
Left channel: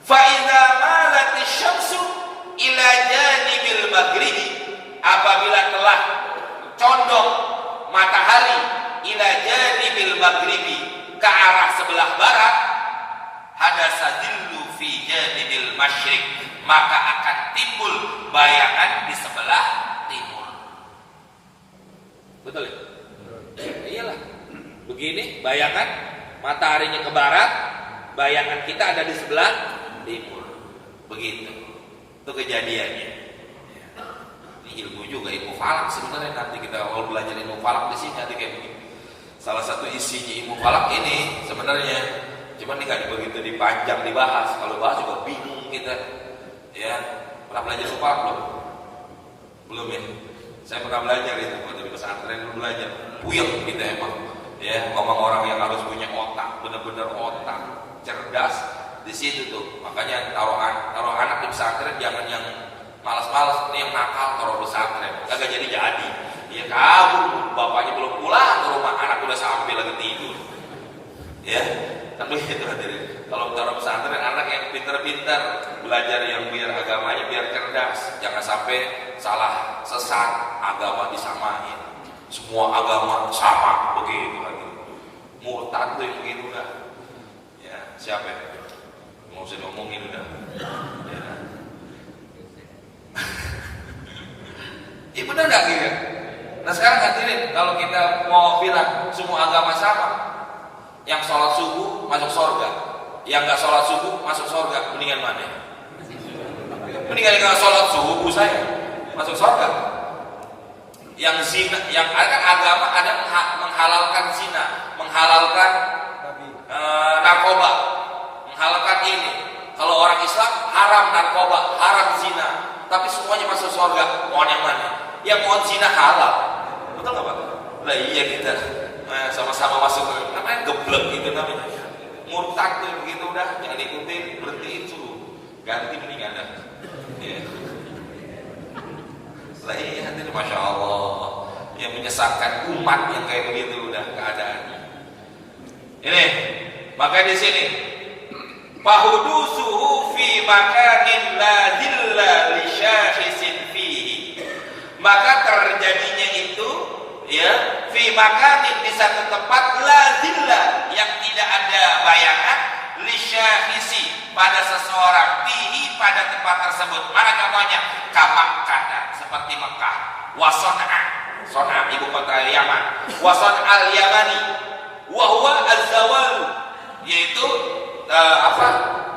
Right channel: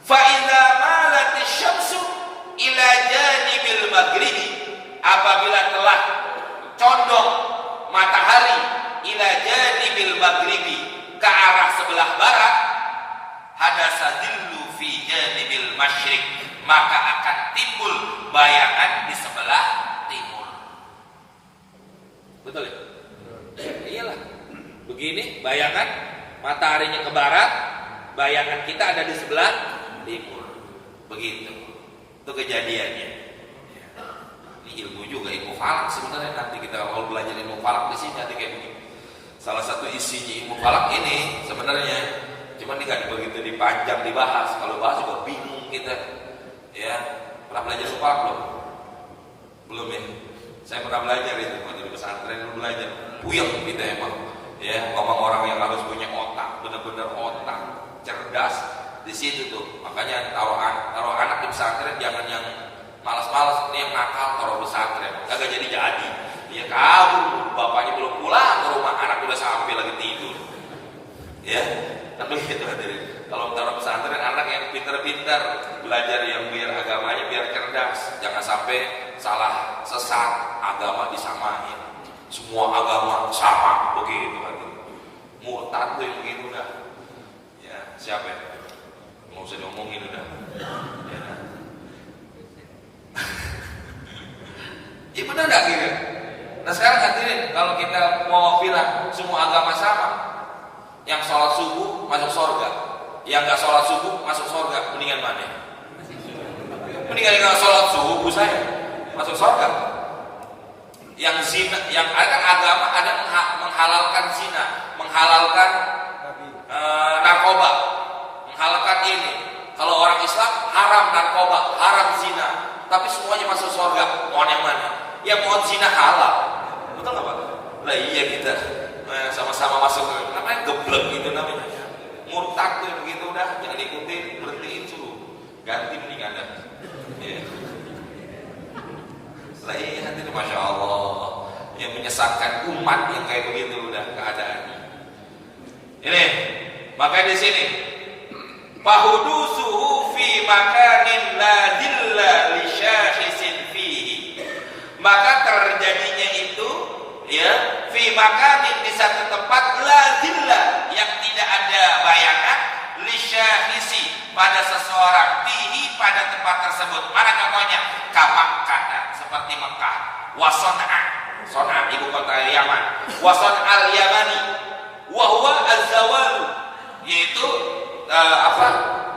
Fa idza malatis syamsu ila janibil maghribi, apabila telah condong matahari ila janibil maghribi, ke arah sebelah barat, hadasadillu fi janibil masyriq, maka akan timbul bayangan di sebelah timur. Betul ya? Iyalah. Begini, bayangan mataharinya ke barat, bayangan kita ada di sebelah timur. Begitu. Itu kejadiannya. Ini ilmu juga, ilmu falak sebenarnya. Nanti kita kalau belajar ilmu falak di sini nanti kayak begini. Salah satu isinya ilmu falak ini sebenarnya, cuman ini nggak begitu dipanjang dibahas. Kalau bahas juga bingung kita. Ya, pernah belajar ilmu falak belum? Belum ini. Saya pernah belajar itu, belajar pesantren belajar. Buyang kita emang. Ya, ngomong orang yang harus punya otak, benar-benar otak, cerdas di situ tuh. Makanya taruh anak di pesantren jangan yang malas-malas, ini yang nakal taruh pesantren, kagak jadi. Ya kabur, bapaknya belum pulang ke rumah, anak udah sampai lagi tidur. Ya, tapi itu kalau taruh pesantren anak yang pintar-pintar, belajar yang biar agamanya biar cerdas, jangan sampai salah sesat, agama disamain. Semua agama sama begitu kan. Murtad tuh begitu kan. Ya, siapa ya? Mau usah diomongin udah. Ya. Ini benar nggak kira? Nah sekarang hadirin, kalau kita mau bilang semua agama sama, yang sholat subuh masuk surga, yang nggak sholat subuh masuk surga, mendingan mana? Mendingan nggak sholat subuh saya masuk surga. Yang zina, yang ada agama ada menghalalkan zina, menghalalkan narkoba, menghalalkan ini. Kalau orang Islam haram narkoba, haram zina, tapi semuanya masuk surga. Mau yang mana? Ya mau zina halal, betul nggak Pak? Nah iya kita sama-sama masuk, namanya geblek gitu namanya. Murtad tuh begitu dah, jangan ikutin, berhentiin suruh ganti mendingan dah. Ya. Nah ini nanti Masya Allah yang menyesatkan umat yang kayak begitu udah keadaannya. Ini maka di sini fahudusuhu fi makanin la dilla li syahisin fihi, maka terjadinya itu ya fi makanin di satu tempat la dilla yang tidak ada bayangan li syahisi pada seseorang fihi pada tempat tersebut. Mana gambarnya? Kamak kata seperti Mekah, Son'a ibu kota Yaman, Son'al Yamani, wahwa az-zawal, yaitu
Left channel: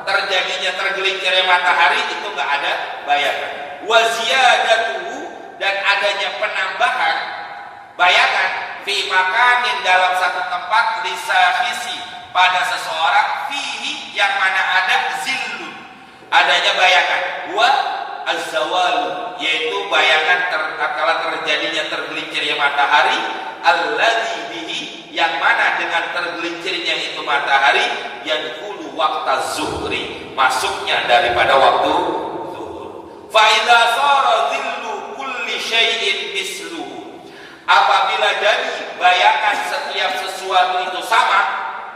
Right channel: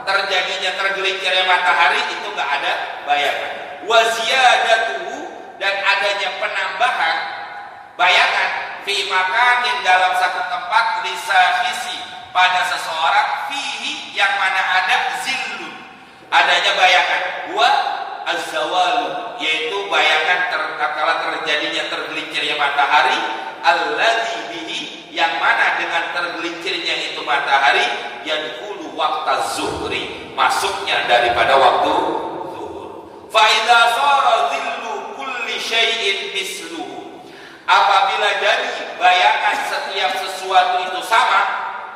terjadinya tergelincirnya matahari itu nggak ada bayangan. Waziyadatuhu, dan adanya penambahan bayangan fi makanin dalam satu tempat lisahisi pada seseorang fihi yang mana ada zillu, adanya bayangan. Wa az-zawal, yaitu bayangan kala terjadinya tergelincirnya matahari, alladzi bihi, yang mana dengan tergelincirnya itu matahari, yadkhulu waqta zuhri, masuknya daripada waktu zuhur. Fa idza sara dhillu kulli syai'in misluhu, apabila jadi bayangan setiap sesuatu itu sama,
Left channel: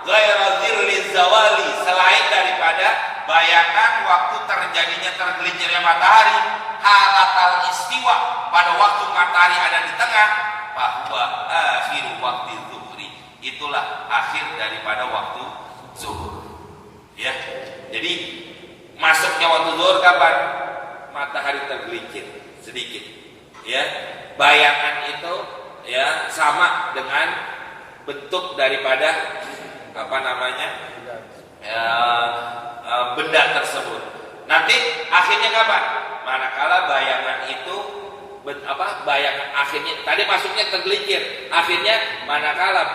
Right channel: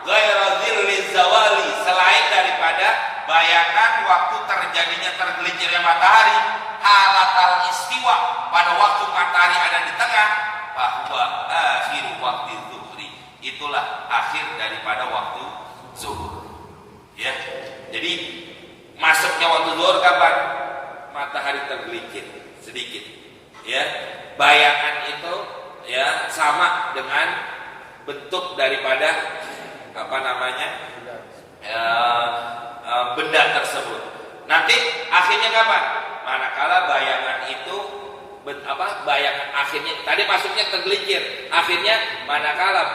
ghaira dhilli zawali, selain daripada bayangan waktu terjadinya tergelincirnya matahari, halatal istiwa, pada waktu matahari ada di tengah, bahwa akhir waktu zuhri, itulah akhir daripada waktu zuhur. Ya, jadi masuknya waktu zuhur kapan? Matahari tergelincir sedikit. Ya, bayangan itu ya sama dengan bentuk daripada apa namanya? Benda tersebut. Nanti akhirnya kapan? Manakala bayangan itu bayangan akhirnya tadi masuknya tergelincir, akhirnya manakala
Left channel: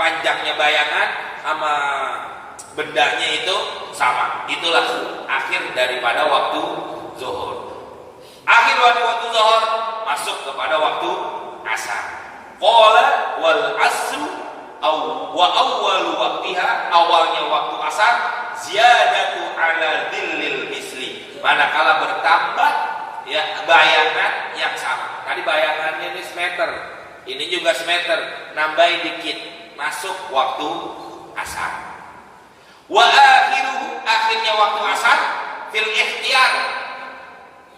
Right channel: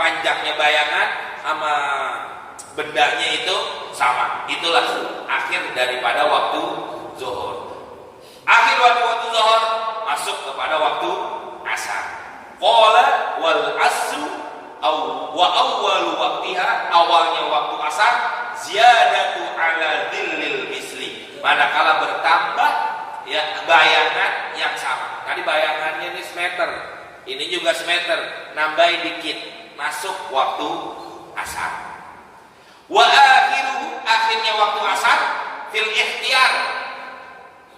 panjangnya bayangan sama bendanya itu sama, itulah akhir daripada waktu zuhur. Akhir waktu zuhur masuk kepada waktu asar. Qala wal asru wa awwalu waqtiha, awalnya waktu asar, ziyadatu ala dhillil misli, manakala bertambah ya bayangan yang sama. Tadi bayangannya ini semeter, ini juga semeter, nambahin dikit, masuk waktu asar. Wa akhiruhu, akhirnya waktu asar, fil ikhtiyar,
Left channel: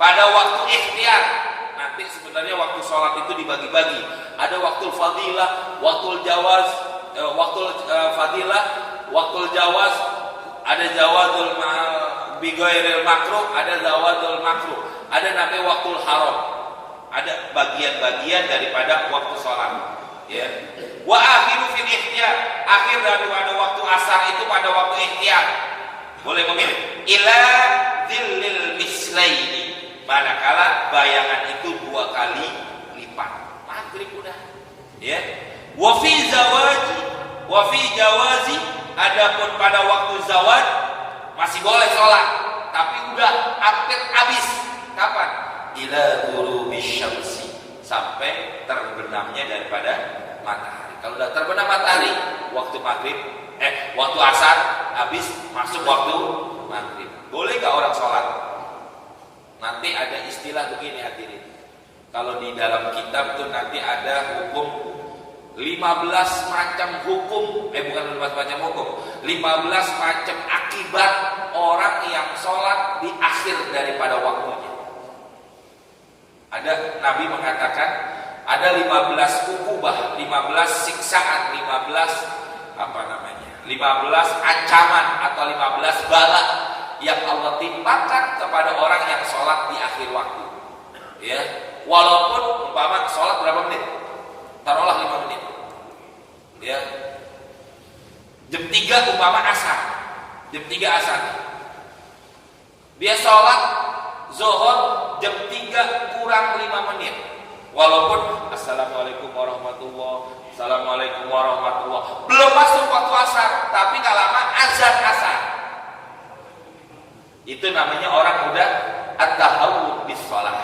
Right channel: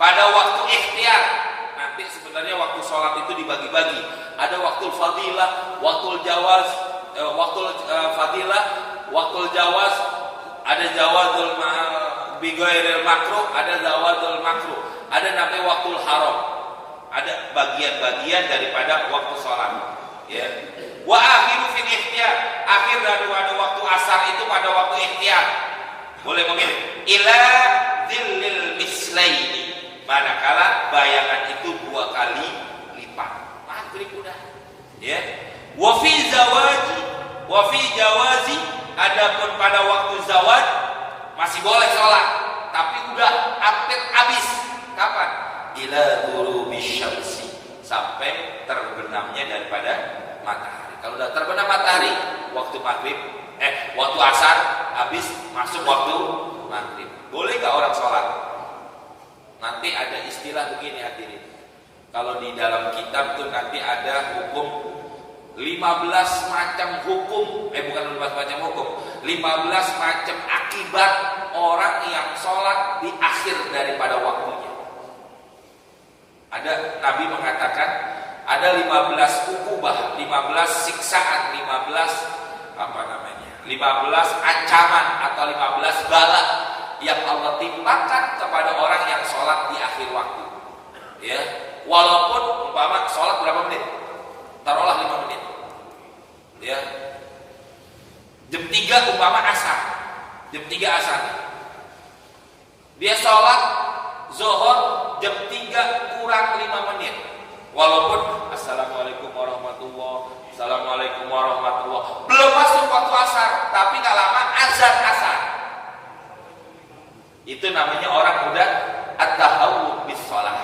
pada waktu ikhtiyar. Nanti sebenarnya waktu sholat itu dibagi-bagi, ada waktu fadilah, waktu jawaz, waktu fadilah, waktu jawaz, ada jawazul bighairil makruh, ada jawazul makruh, ada namanya waktu haram, ada bagian-bagian daripada waktu sholat. Ya. Wa akhiru fil ikhtiyar, akhir daripada waktu asar itu pada waktu ikhtiyar. Boleh memilih ila dzillil mislaini, manakala bayangan itu 2 kali lipat. Maghrib udah. Ya. Wa fi jawazi, adapun pada waktu zawaj masih boleh sholat, tapi udah hampir habis. Kapan? Ila ghurubi syamsi, sampai terbenamnya daripada matahari. Kalau udah terbenam matahari, waktu maghrib, waktu asar habis, masuk waktu maghrib. Boleh gak orang sholat? Nanti ada istilah begini hadirin. Kalau di dalam kitab itu nanti ada hukum 15 macam hukum, bukan 15 macam hukum, 15 macam akibat orang yang sholat di akhir daripada waktunya. Ada Nabi mengatakan ada 15 ukubah, 15 siksaan, 15 ancaman atau 15 bala yang Allah timpakan kepada orang yang sholat di akhir waktu. Ya, walaupun umpama sholat berapa menit? Taruhlah 5 menit. Ya. Jam 3 umpama asar. Jam 3 asar. Dia sholat zuhur jam 3 kurang 5 menit. Walaupun assalamualaikum warahmatullahi, assalamualaikum warahmatullahi, belum masuk waktu asar, tapi gak lama azan asar. Itu namanya orang udah at-tahawwud bis shalah.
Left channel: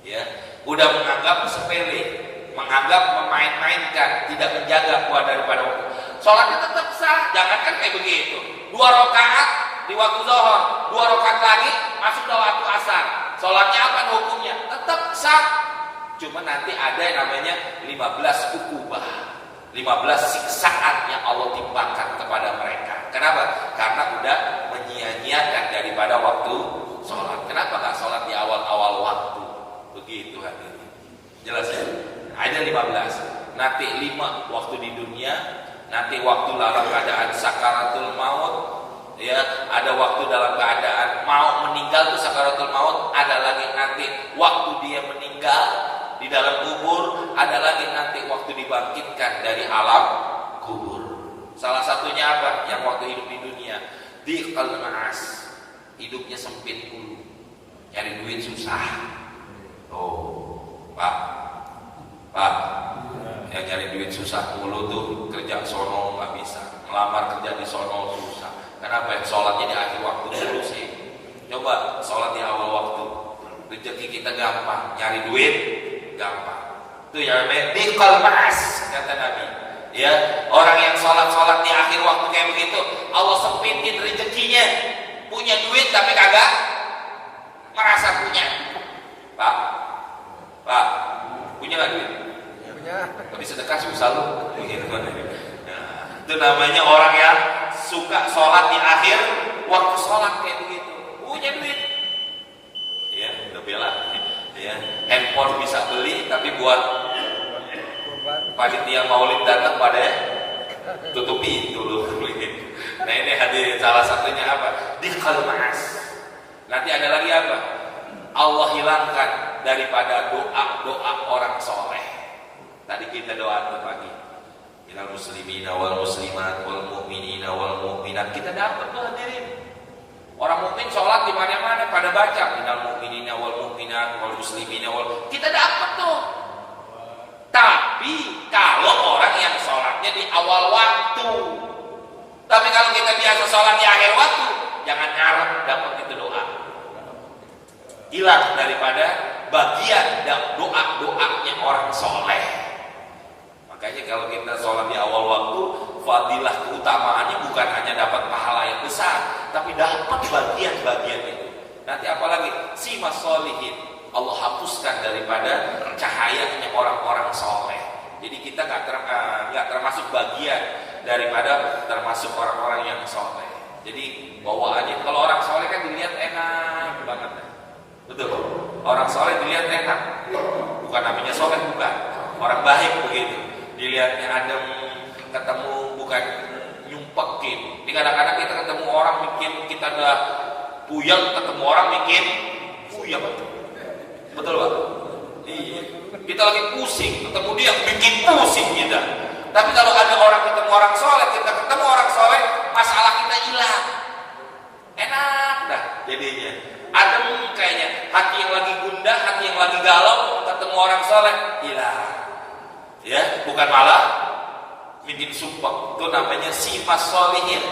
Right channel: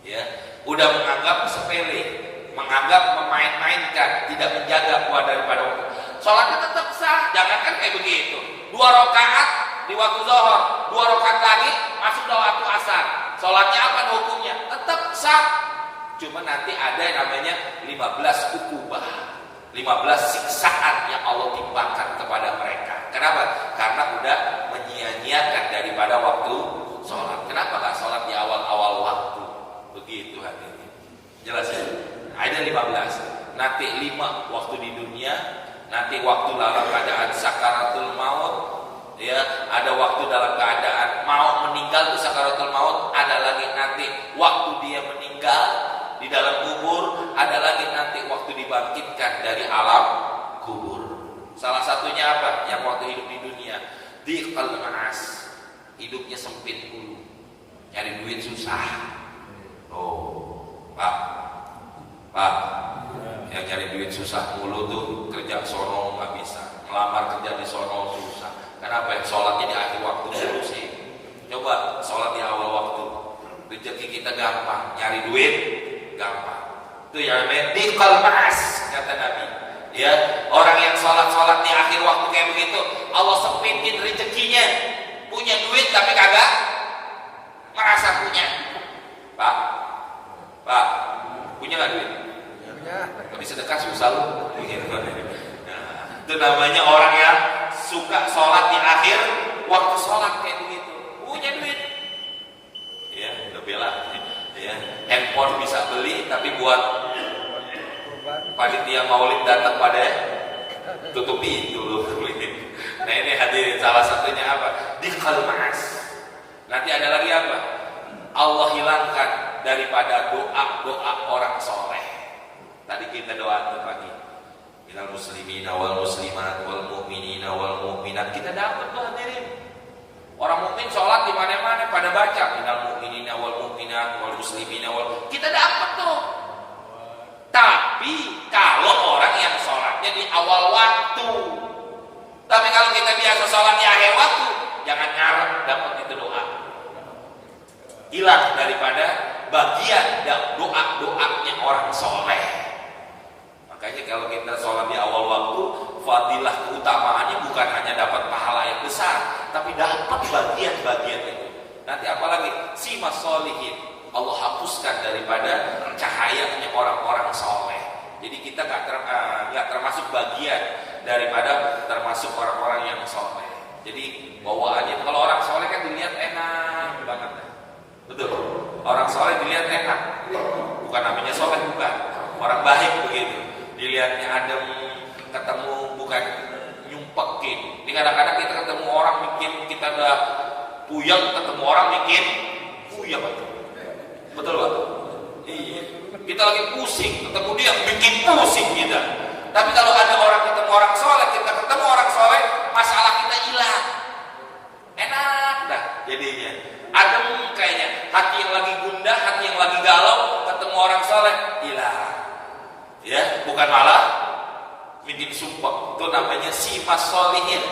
Ya, udah menganggap sepele, menganggap memain-mainkan, tidak menjaga kuat daripada waktu. Sholatnya tetap sah, jangankan kayak begitu. 2 rakaat di waktu zuhur, 2 rakaat lagi masuk dalam waktu asar. Sholatnya apa hukumnya? Tetap sah. Cuma nanti ada yang namanya 15 ukubah, 15 siksaan yang Allah timpakan kepada mereka. Kenapa? Karena udah menyia-nyiakan daripada waktu sholat. Kenapa gak sholat di awal-awal waktu? Begitu hadirin. Jelas ya? Ada 15. Nanti 5 waktu di dunia, nanti waktu dalam keadaan sakaratul maut, ya, ada waktu dalam keadaan mau meninggal itu sakaratul maut, ada lagi nanti waktu dia meninggal di dalam kubur, ada lagi nanti waktu dibangkitkan dari alam kubur. Salah satunya apa? Yang waktu hidup di dunia, dhiqal ma'as, hidupnya sempit dulu, nyari duit susah. Oh, Pak, yang nyari duit susah mulu tuh, kerja sono nggak bisa, melamar kerja di sono susah. Kenapa? Yang sholatnya di akhir waktu dulu sih. Coba sholat di awal waktu, Cari duit gampang. Itu yang medikal ma'as, kata Nabi. Ya, orang yang sholat di akhir waktu kayak begitu, Allah sempitin rezekinya. Punya duit tapi kagak merasa punya. Pak, punya nggak duit? Tapi sedekah susah lu. Itu namanya orang yang suka sholat di akhir waktu sholat kayak begitu. Punya duit. Ya, udah bela. Ya, handphone bisa beli, tapi buat panitia maulid datang pada tutupi dulu. Nah ini hadirin, salah satunya apa? Dikal ma'as. Nanti ada lagi apa? Allah hilangkan daripada doa orang soleh. Tadi kita doa pagi. Ilal muslimina wal muslimat wal mu'minina wal mu'minat. Kita dapat tuh hadirin. Orang mukmin sholat di mana-mana pada baca ilal mu'minina wal mu'minat wal muslimina wal. Kita dapat tuh. Tapi kalau orang yang sholatnya di awal waktu. Tapi kalau kita biasa sholat di akhir waktu, jangan ngarep dapat itu doa. Hilang daripada bagian doa-doanya orang soleh. Makanya kalau kita sholat di awal waktu, fadilah keutamaannya bukan hanya dapat pahala yang besar, tapi dapat bagian-bagian itu. Nanti apalagi simas sholihin, Allah hapuskan daripada cahayanya orang-orang soleh. Jadi kita nggak termasuk bagian daripada termasuk orang-orang yang soleh. Jadi bawaannya kalau orang soleh kan dilihat enak banget, betul. Orang soleh dilihat enak, bukan namanya soleh, bukan. Orang baik begitu. Dilihatnya adem, ketemu bukan nyumpekin. Ini kadang-kadang kita ketemu orang bikin kita udah puyeng, ketemu orang bikin puyeng. Betul Pak? Iya. Kita lagi pusing, ketemu dia bikin pusing kita. Tapi kalau ada orang ketemu orang soleh, kita ketemu orang soleh, masalah kita hilang. Enak dah jadinya. Adem kayaknya. Hati yang lagi gundah, hati yang lagi galau, ketemu orang soleh, hilang. Ya, bukan malah bikin sumpah. Itu namanya sifat sholihin.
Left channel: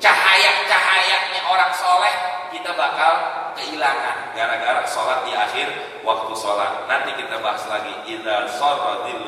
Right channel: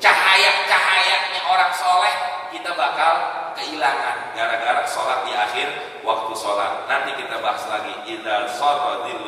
Cahaya-cahayanya orang soleh kita bakal kehilangan gara-gara sholat di akhir waktu sholat. Nanti kita bahas lagi. Idza sadadil